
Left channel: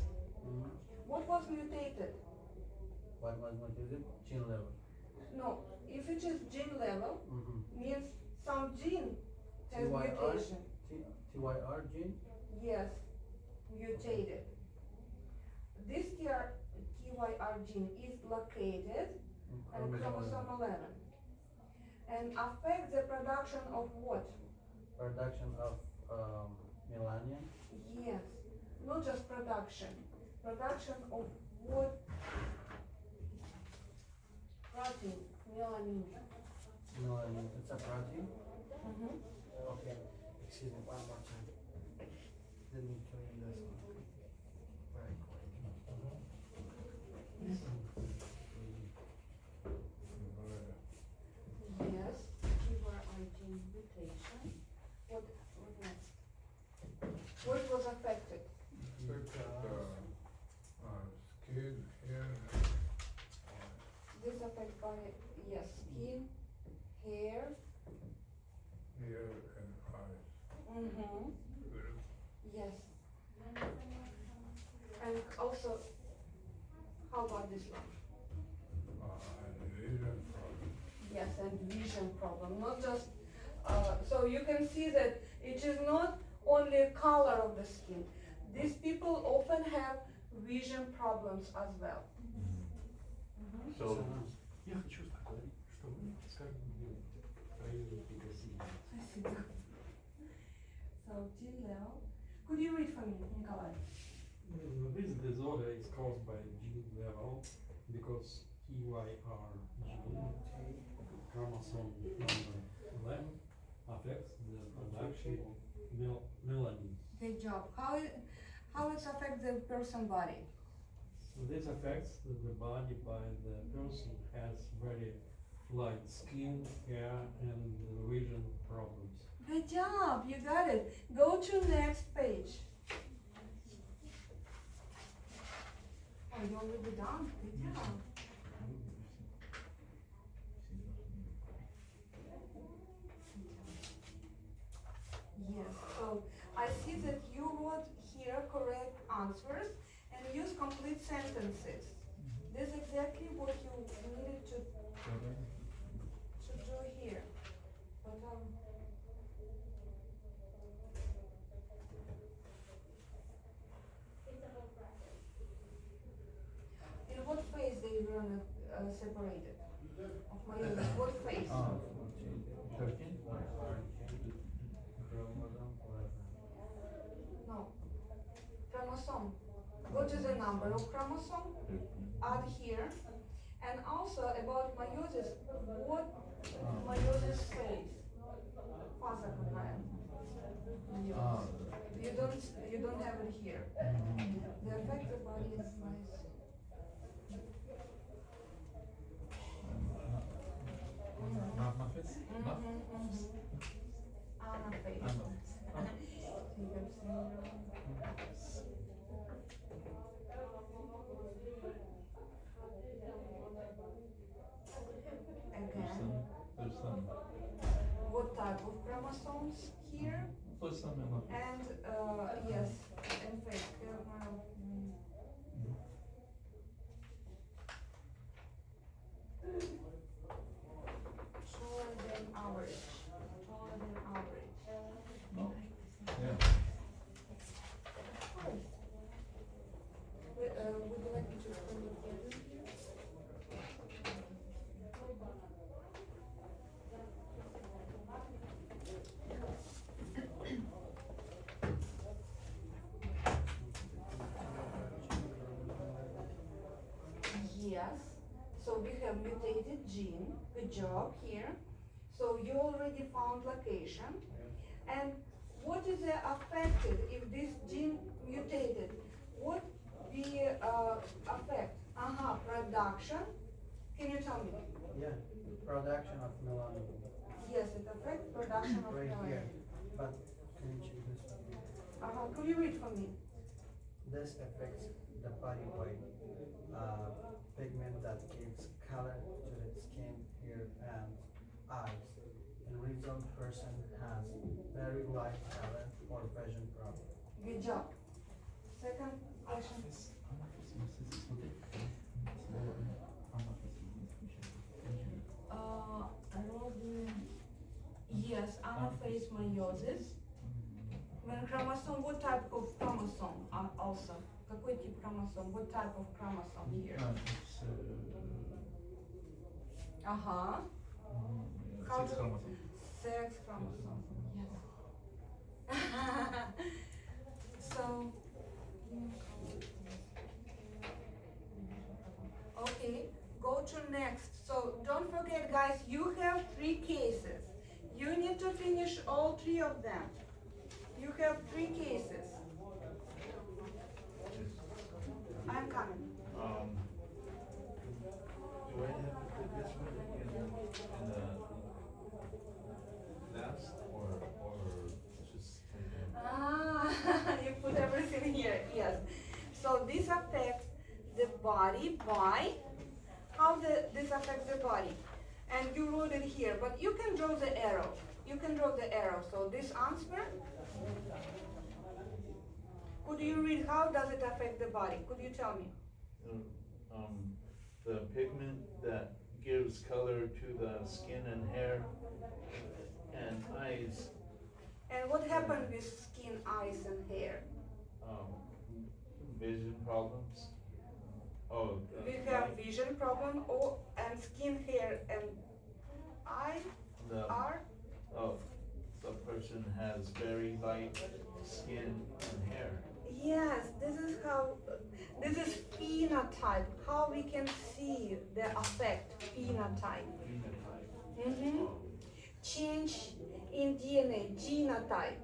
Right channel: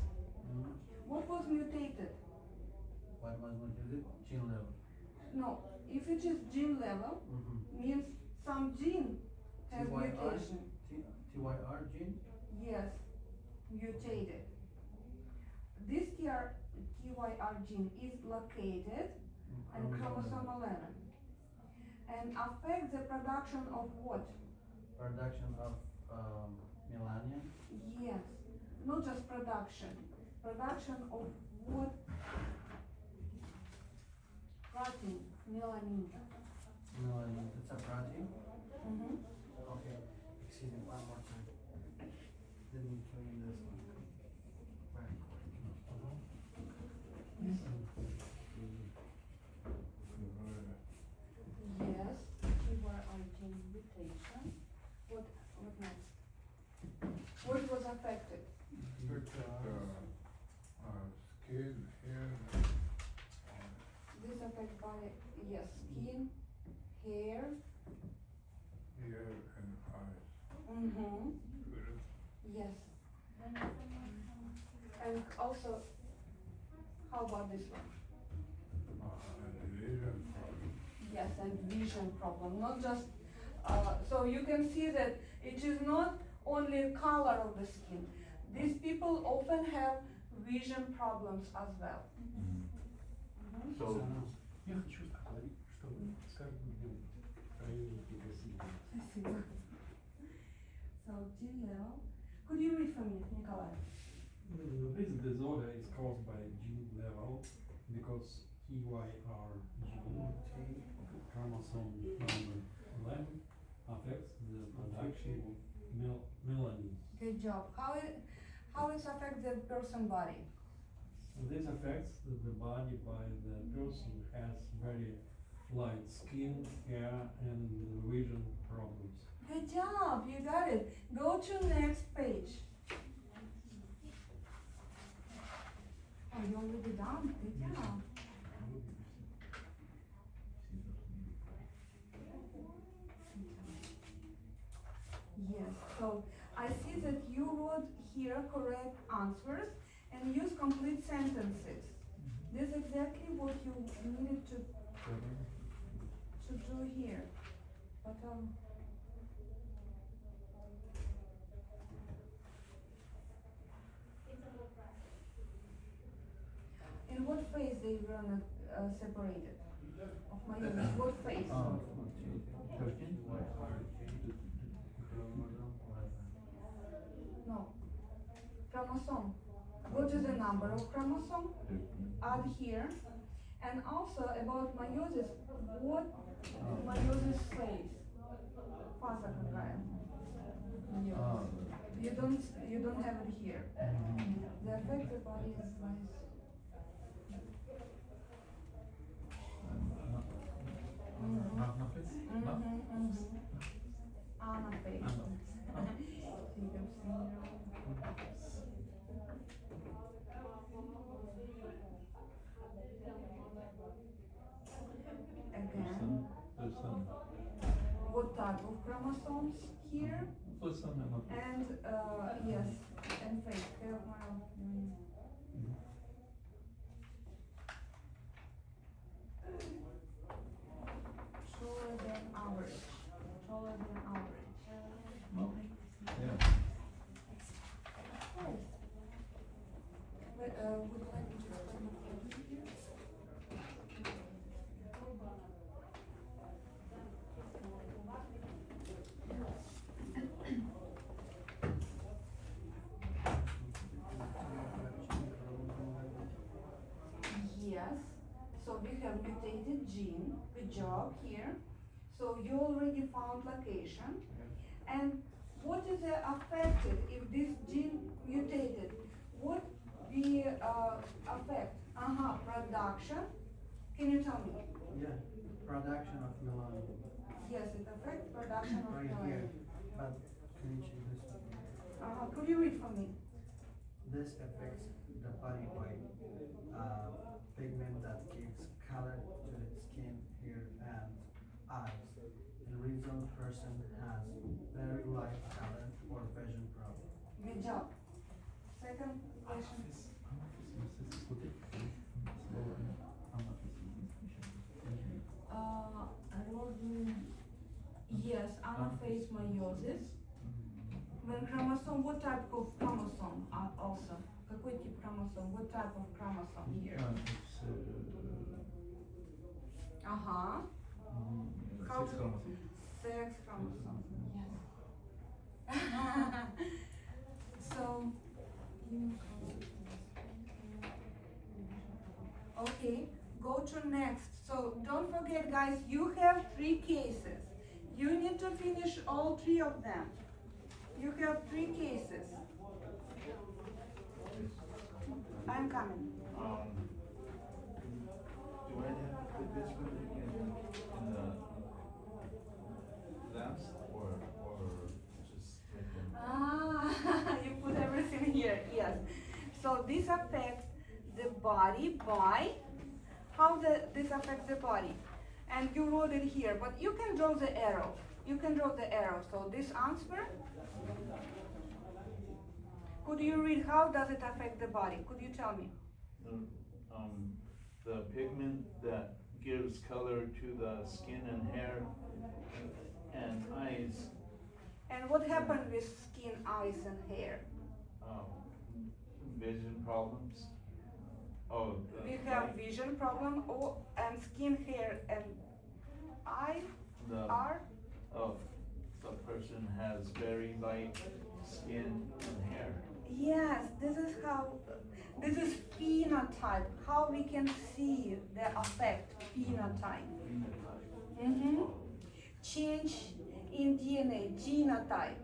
what was mutated? What was mutated? Gene level. No, if it is gene level, means some gene has TYR? mutation. TYR gene? Yes, mutated. This TYR gene is located in chromosome 11 and affects the production of what? Production of melanin. Yes, not just production. Production of what? Protein, melanin. Melanin, it's a protein. Mm-hmm. Okay, excuse me, one more time. Let me clean this one. Very quick. Yes, TYR gene mutation. What next? What was affected? Skin, hair, This affected by, yes, skin, hair. ear, and eyes. Mm-hmm. Yes. And also, how about this one? Vision, Yes, and vision problem, not just, so you can see that it is not only color of the skin. These people often have vision problems as well. Mhm. So, Я хочу сказать, что вы сказали проявите красиво. Спасибо. So, T-level. Could you read for me, Nikolai? This disorder is caused by gene level because TYR gene, chromosome number 11, affects the production of melanin. Good job. How it affects the person body? This affects the body by the person has very light skin, hair, and vision problems. Good job, you got it. Go to next page. Oh, you already done. Good job. Yes, so I see that you would hear correct answers and use complete sentences. This is exactly what you needed to do here. But in what phase they were separated? Of meiosis, what phase? 13? No. Chromosome. Go to the number of chromosome, add here, and also about meiosis, what meiosis phase? Фаза какая? You don't have it here. The effect the body is nice. Anaphase? Anaphase. Figure syndrome. Again, There's some. what type of chromosomes here? There's some anaphase. And yes, and phase. Taller than average. Taller than average. No? Yeah. Would you like me to explain the figure here? Yes, so we have mutated gene, good job here. So you already found location. And what is affected if this gene mutated? What we affect? Production. Can you tell me? Yeah, production of melanin. Yes, it affects production of Right melanin. here, but can you check this one? Could you read for me? This affects the body white pigment that gives color to the skin, hair, and eyes. The result person has very light color or vision problem. Good job. Second question. Yes, anaphase meiosis. When chromosome, what type of chromosome also? Какой тип chromosome? What type of chromosome here? It's How six do- chromosomes. Sex chromosome. Yes. So, okay, go to next. So don't forget, guys, you have 3 cases. You need to finish all 3 of them. You have 3 cases. I'm coming. Do I have to put this one in the last or just right there? You put everything here, yes. So this affects the body by, how this affects the body? And you wrote it here, but you can draw the arrow. You can draw the arrow. So this answer, could you read how does it affect the body? Could you tell me? The pigment that gives color to the skin and hair and eyes, And what happened with skin, eyes, and hair? vision problems. Oh, We have vision problem, and skin, hair, and eye are? The person has very light skin and hair. Yes, this is phenotype, how we can see the effect, phenotype. Phenotype. Change in DNA, genotype,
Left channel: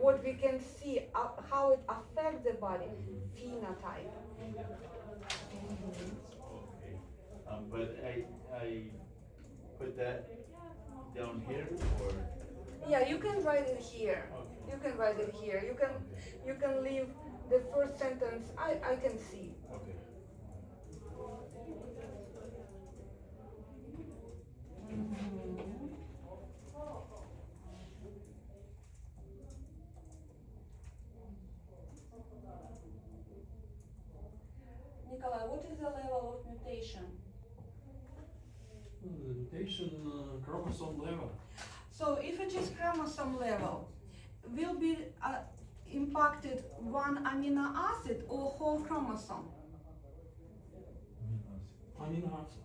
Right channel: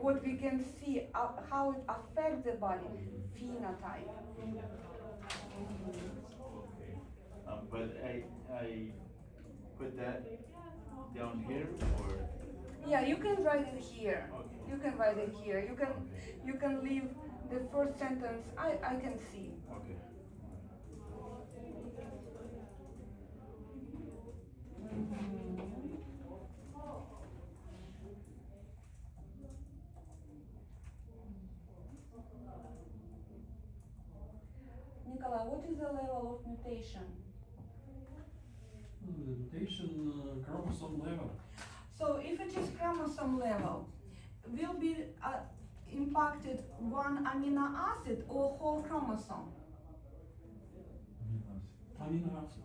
what we can see, how it affects the body, phenotype. Okay, but I put that down here or Yeah, you can write it here. You can write it here. You can leave the first sentence. I can see. Okay. Nikolai, what is the level of mutation? Mutation chromosome level. So if it is chromosome level, will be impacted one amino acid or whole chromosome? Amino acid.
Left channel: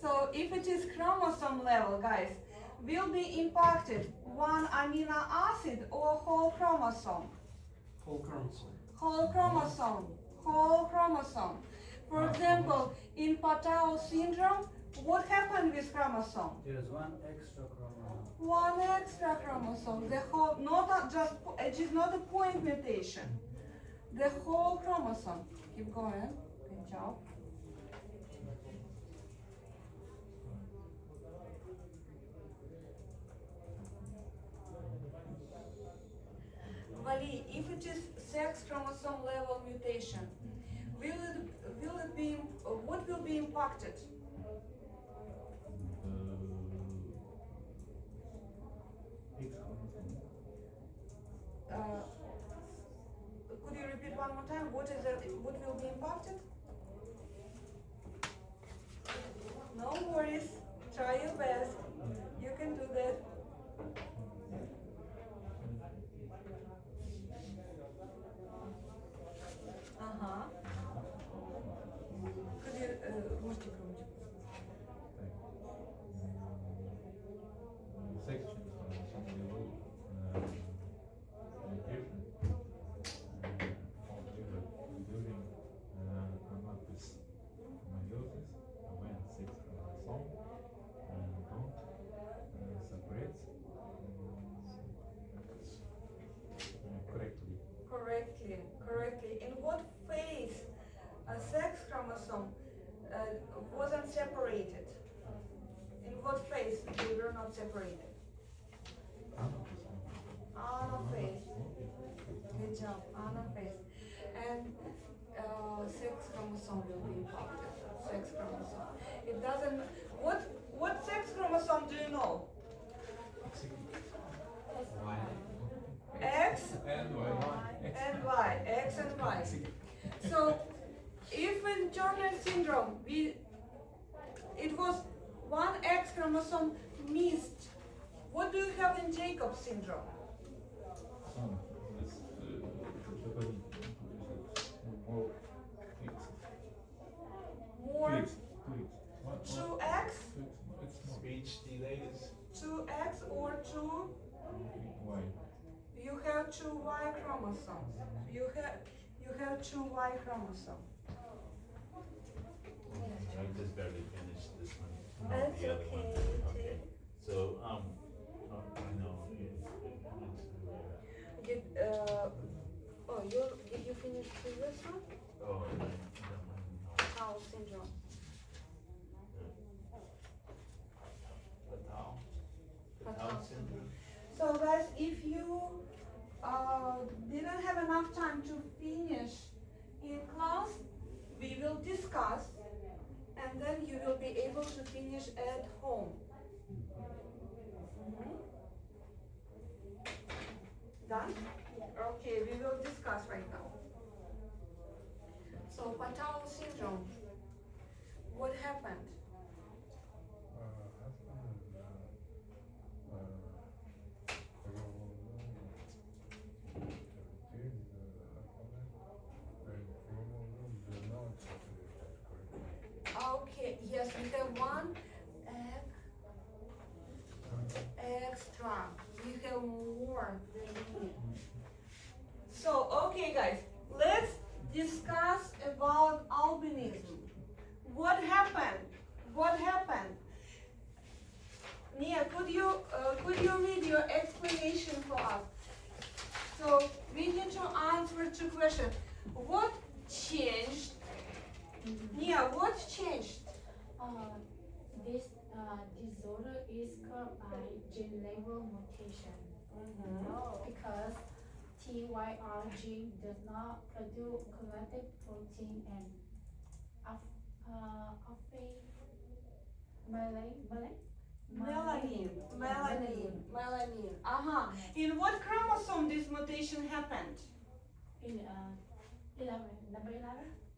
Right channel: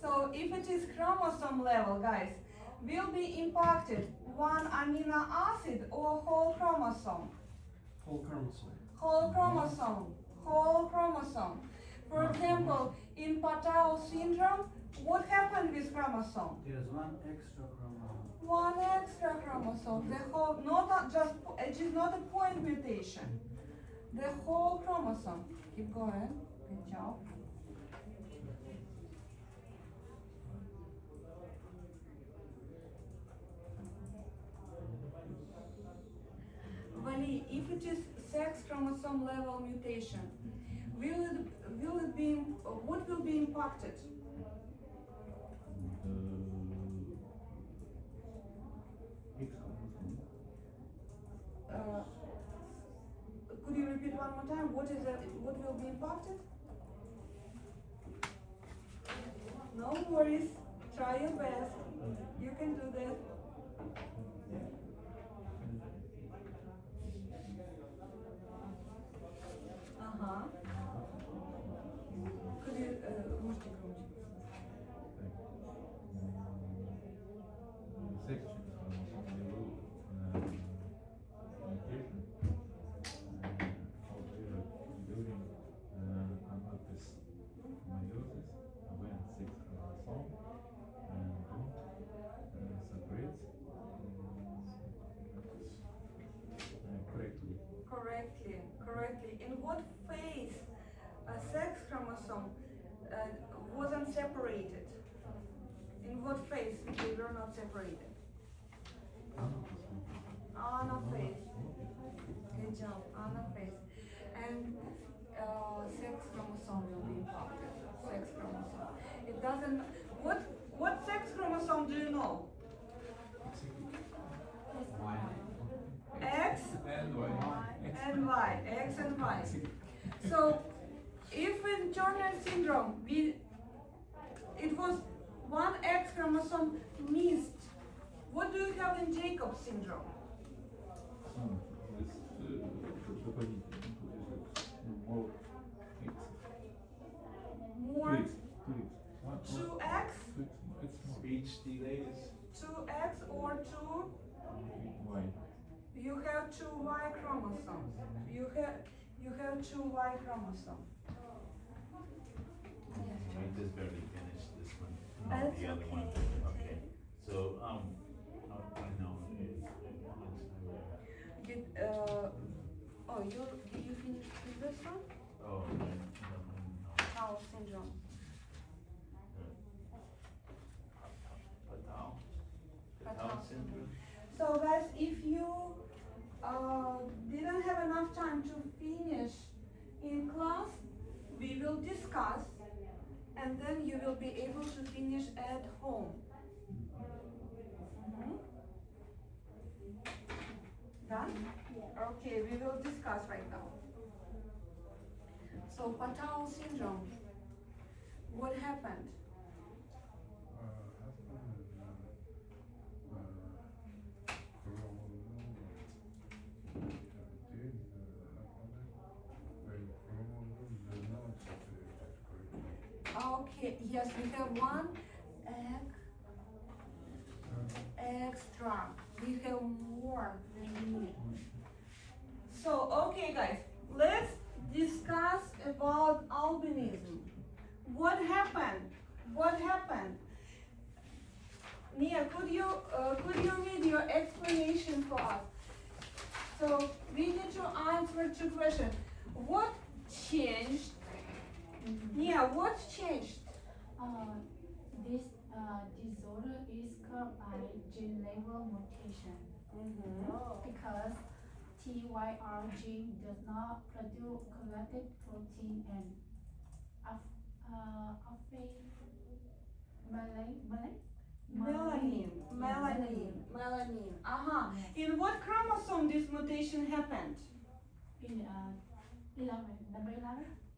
So if it is chromosome level, guys, will be impacted one amino acid or whole chromosome? Whole chromosome. Whole chromosome. Whole chromosome. For example, in Patau syndrome, what happened with chromosome? There's one extra chromosome. One extra chromosome. The whole, it is not a point mutation. The whole chromosome. Keep going. Good job. Vali, if it is sex chromosome level mutation, what will be impacted? X chromosome. Could you repeat one more time? What will be impacted? No worries. Try your best. You can do that. Ага. Could you, можете громче? Section chromosome level mutation. However, during anaphysis meiosis, when sex chromosome don't separate correctly. Correctly. In what phase a sex chromosome wasn't separated? In what phase they were not separated? Anaphase. Good job, anaphase. And sex chromosome will be impacted. Sex chromosome. It doesn't. What sex chromosome do you know? X And Y. and Y. X and Y. So, if in Turner syndrome it was one X chromosome missed, what do you have in Jacob syndrome? This the body more X. More 2X. 2X, 2X. It's more. Speech delays. 2X or 2. Y. You have 2 Y chromosomes. You have 2 Y chromosomes. I just barely finished this one. That's The other one. okay. Okay. So, no. Did you finish previous one? Oh, Down syndrome. Down syndrome. So guys, if you didn't have enough time to finish in class, we will discuss and then you will be able to finish at home. Mhm. Done? Okay, we will discuss right now. So Patau syndrome, what happened? Okay, yes, we have one egg extra. We have more than we need. So, okay guys, let's discuss about albinism. What happened? What happened? Nia, could you read your explanation for us? So, we need to answer 2 questions. What changed? Nia, what changed? This disorder is caused by gene level mutation because TYR gene does not produce corrected protein and often Melanin. In what chromosome this mutation happened? in 11, number 11.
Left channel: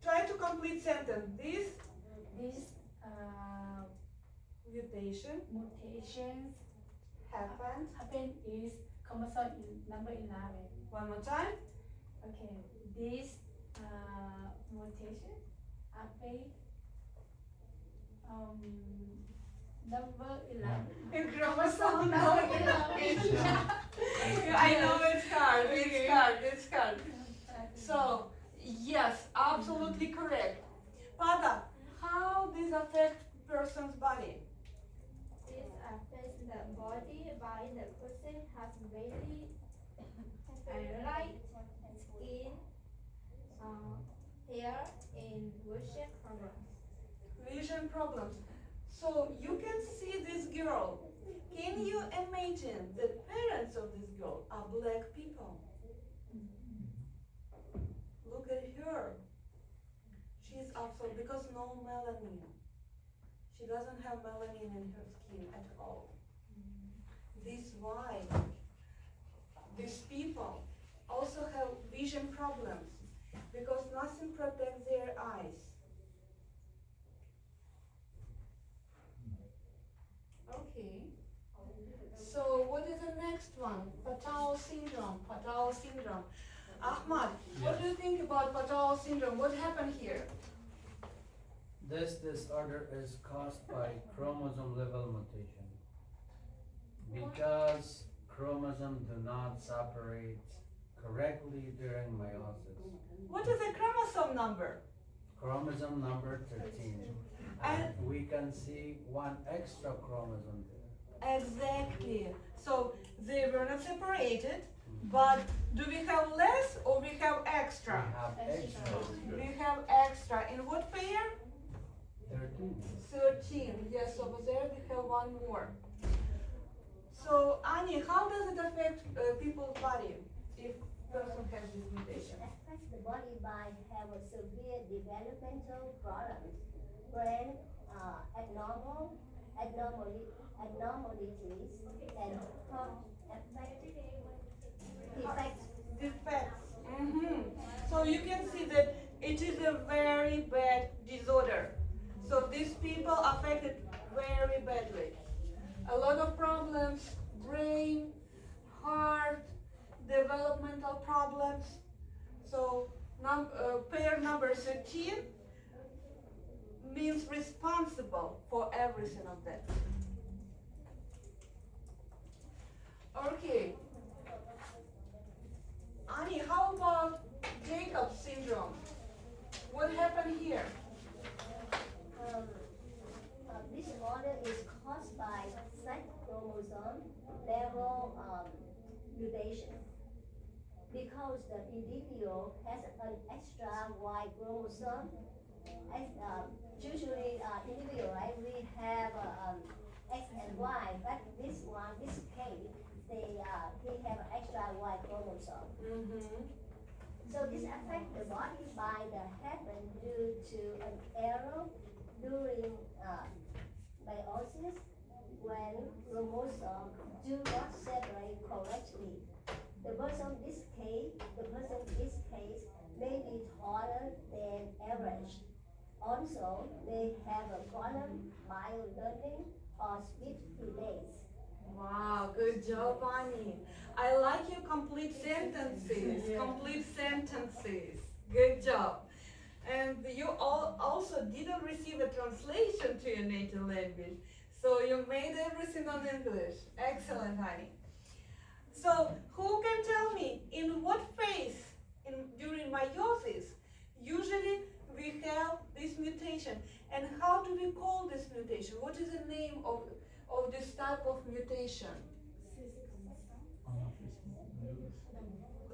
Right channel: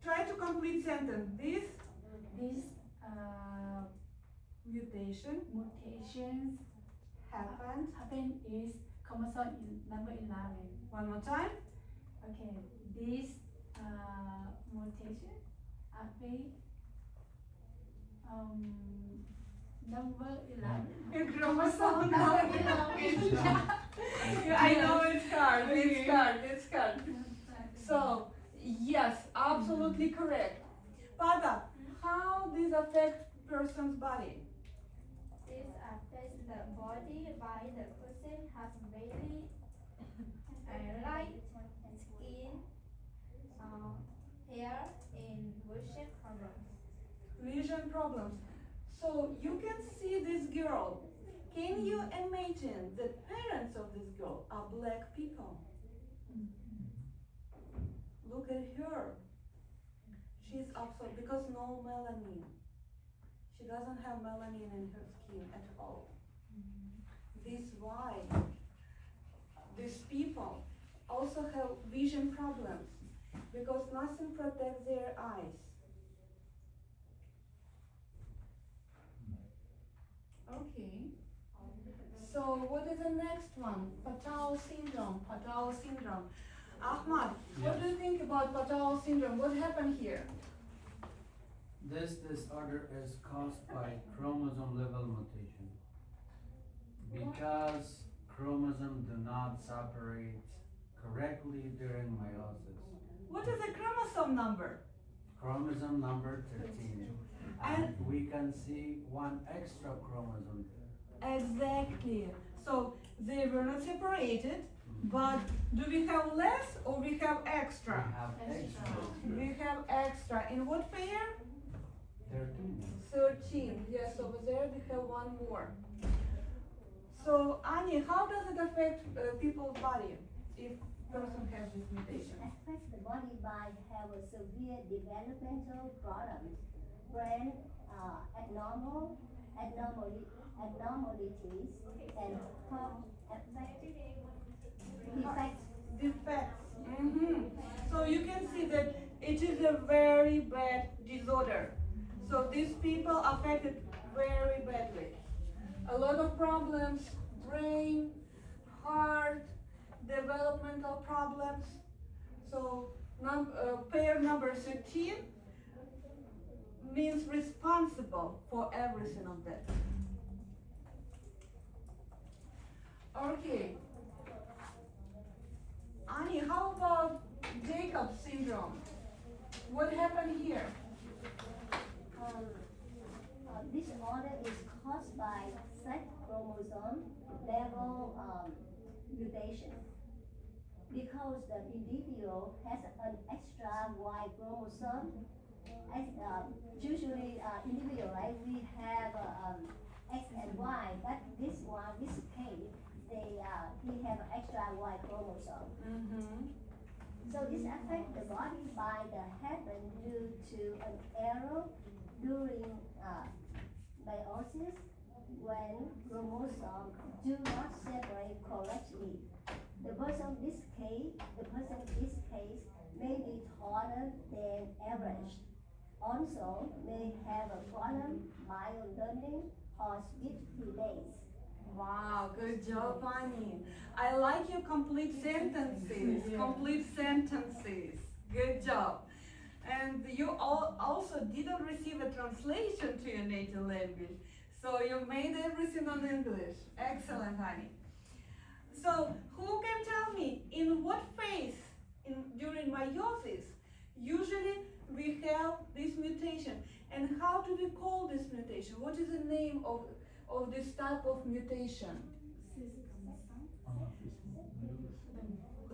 Try to complete sentence. This This mutations happened. happen is chromosome number 11. One more time. Okay, this mutation happen number 11. In chromosome Number number 11. I know it's hard. So, yes, absolutely correct. Pada, how this affect person's body? This affects the body by the person has very light skin, hair, and Vision problems. So you can see this girl. Can you imagine the parents of this girl are black people? Look at her. She's absolute because no melanin. She doesn't have melanin in her skin at all. This is why these people also have vision problems because nothing protects their eyes. Okay. So what is the next one? Patau syndrome. Ahmad, what do you think about Patau syndrome? What happened here? This disorder is caused by chromosome level mutation. Because chromosomes do not separate correctly during meiosis. What is the chromosome number? Chromosome number 13. And we can see one extra chromosome there. Exactly. So they were not separated, but do we have less or we have extra? We have extra. We have extra. In what pair? 13. 13. Yes, over there we have one more. So Ani, how does it affect people's body if person has this mutation? It affects the body by have a severe developmental problems, brain abnormalities, and heart Defects. So you can see that it is a very bad disorder. So these people affected very badly. A lot of problems, brain, heart, developmental problems. So pair number 13 means responsible for everything of that. Okay. Ani, how about Jacob's syndrome? What happened here? This disorder is caused by sex chromosome level mutation. Because the individual has an extra Y chromosome, usually individual, right? We have X and Y, but this case, he have an extra Y chromosome. So this affects the body by the happen due to an error during meiosis when chromosomes do not separate correctly. The person in this case may be taller than average. Also may have a problem by learning or speech delays. Wow, good job, Ani. I like your complete sentences. Good job. And you also didn't receive a translation to your native language. So you made everything on English. Excellent, Ani. So who can tell me in what phase during meiosis usually we have this mutation, and how do we call this mutation? What is the name of this type of mutation?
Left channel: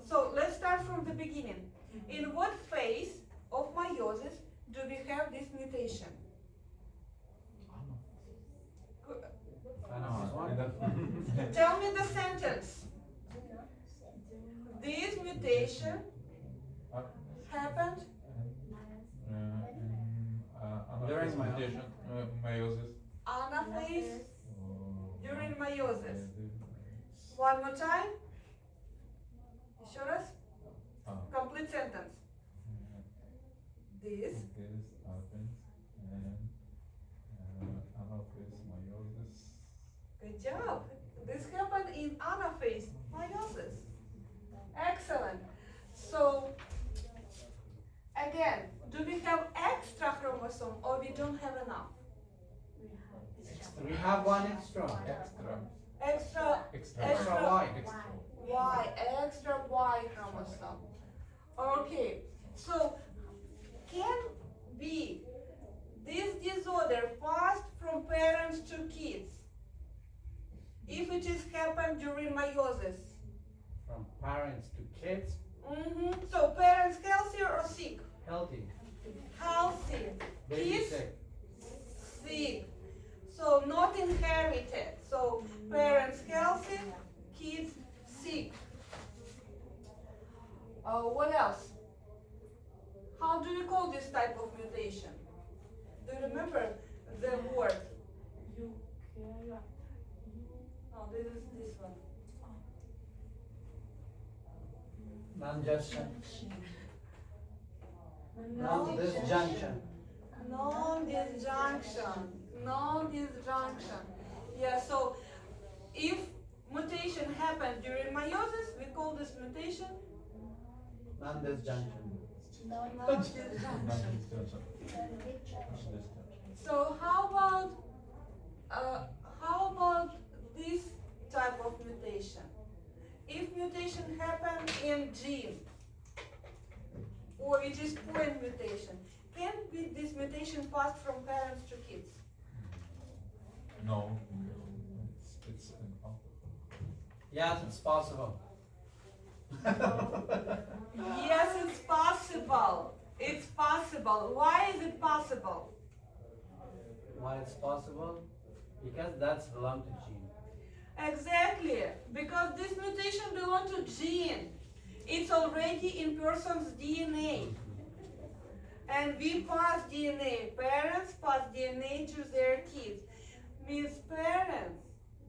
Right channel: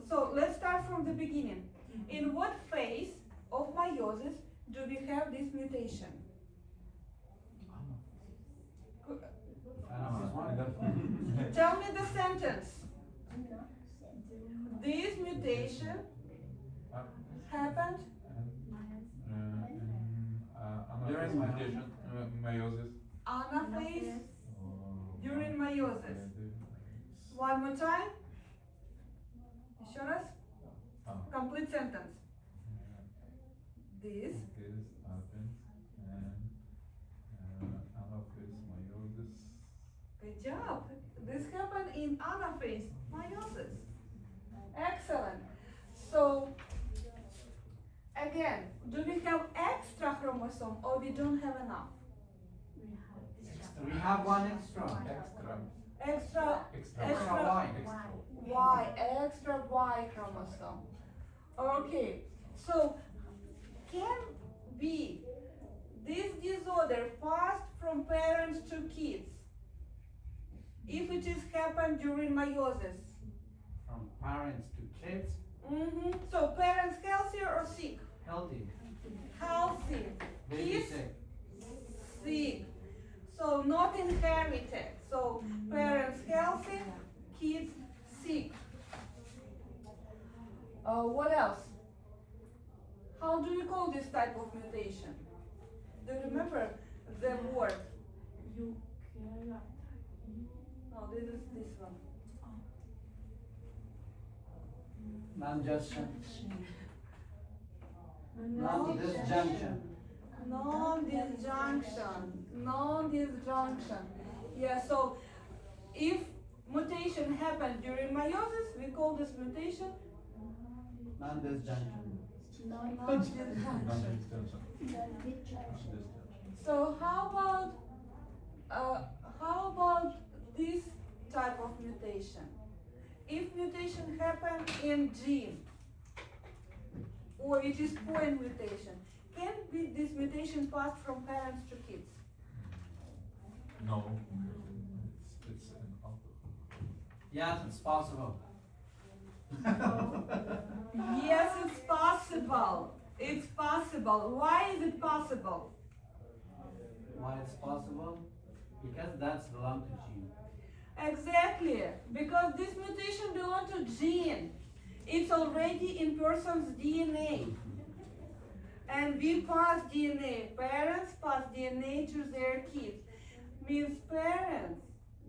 So let's start from the beginning. In what phase of meiosis do we have this mutation? Enough is one. enough. Tell me the sentence. This mutation Uh, happened During anaphase mutation, meiosis. anaphase during uh, meiosis. One more time. Еще раз. Complete sentence. This This happens and anaphase meiosis. Good job. This happened in anaphase meiosis. Excellent. So, again, do we have extra chromosome or we don't have enough? We have one extra. Extra, Extra extra Y. Y, extra Y chromosome. Okay, so can be this disorder passed from parents to kids if it is happened during meiosis? From parents to kids, So parents healthy or sick? healthy. Healthy. Baby Kids sick. sick. So not inherited. So parents healthy, kids sick. What else? How do you call this type of mutation? Do you remember the word? No, this is this one. Non-junction. Non-disjunction. Non-disjunction. Non-disjunction. Yeah, so if mutation happens during meiosis, we call this mutation Non-disjunction. non-disjunction. So how about this type of mutation? If mutation happens in gene, or it is point mutation, can be this mutation passed from parents to kids? No, it's an alcohol. Yes, it's possible. Yes, it's possible. It's possible. Why is it possible? Why it's possible? Because that's belong to gene. Exactly, because this mutation belongs to gene. It's already in person's DNA. And we pass DNA. Parents pass DNA to their kids. Means parents,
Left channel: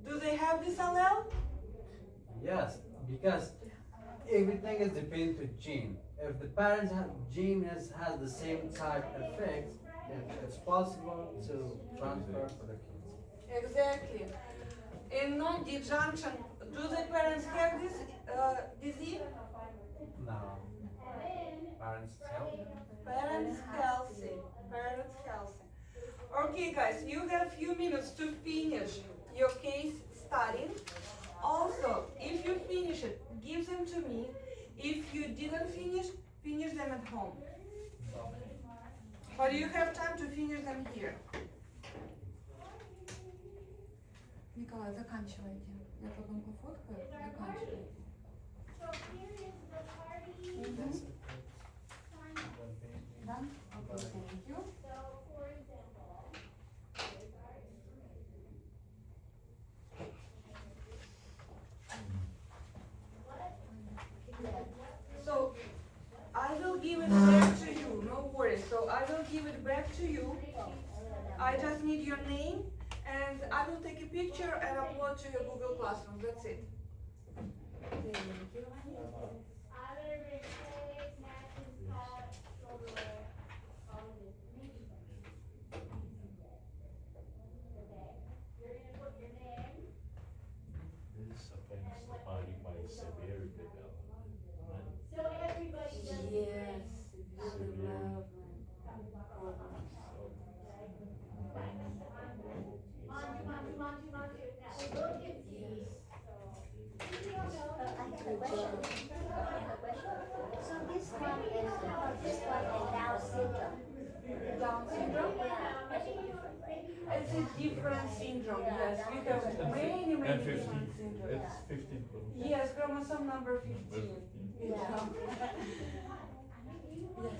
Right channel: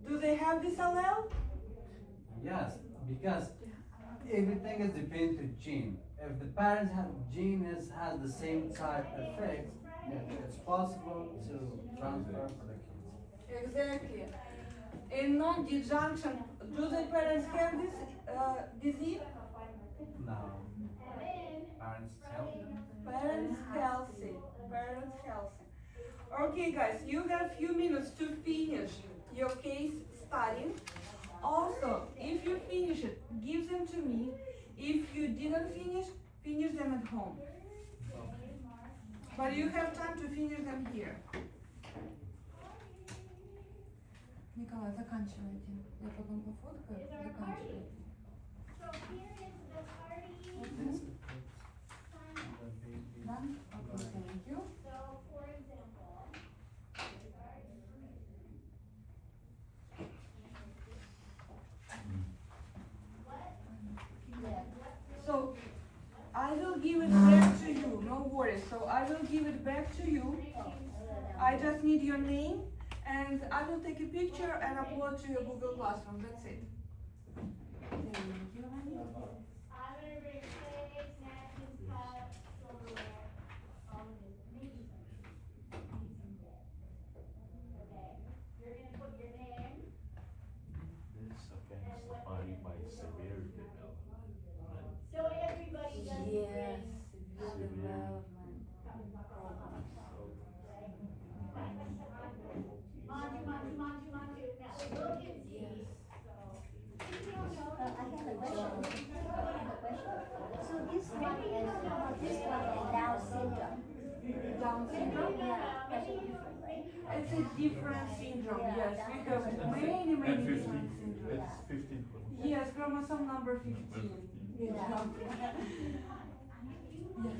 do they have this allele? Yes, because everything is dependent to gene. If the parents have gene has the same type effect, then it's possible to transfer for the kids. Exactly. In non-disjunction, do the parents have this disease? No. Parents healthy. Parents healthy. Parents healthy. Okay, guys, you have few minutes to finish your case studying. Also, if you finish it, give them to me. If you didn't finish them at home. But you have time to finish them here. Николай, заканчивайте. Я потом пофоткаю, заканчивайте. Done? Okay, thank you. So, I will give it back to you, no worries. So, I will give it back to you. I just need your name, and I will take a picture and upload to your Google Classroom. That's it. Thank you. This affects the body by severe development, right? Yes, Severe. development. I have a question. So this one is Down syndrome. Down syndrome? Yeah, that's a different way. It's a different syndrome, yes. We have many, And many 15, different syndromes. it's 15. Yes, chromosome number 15. Number 15. Yeah. Yes.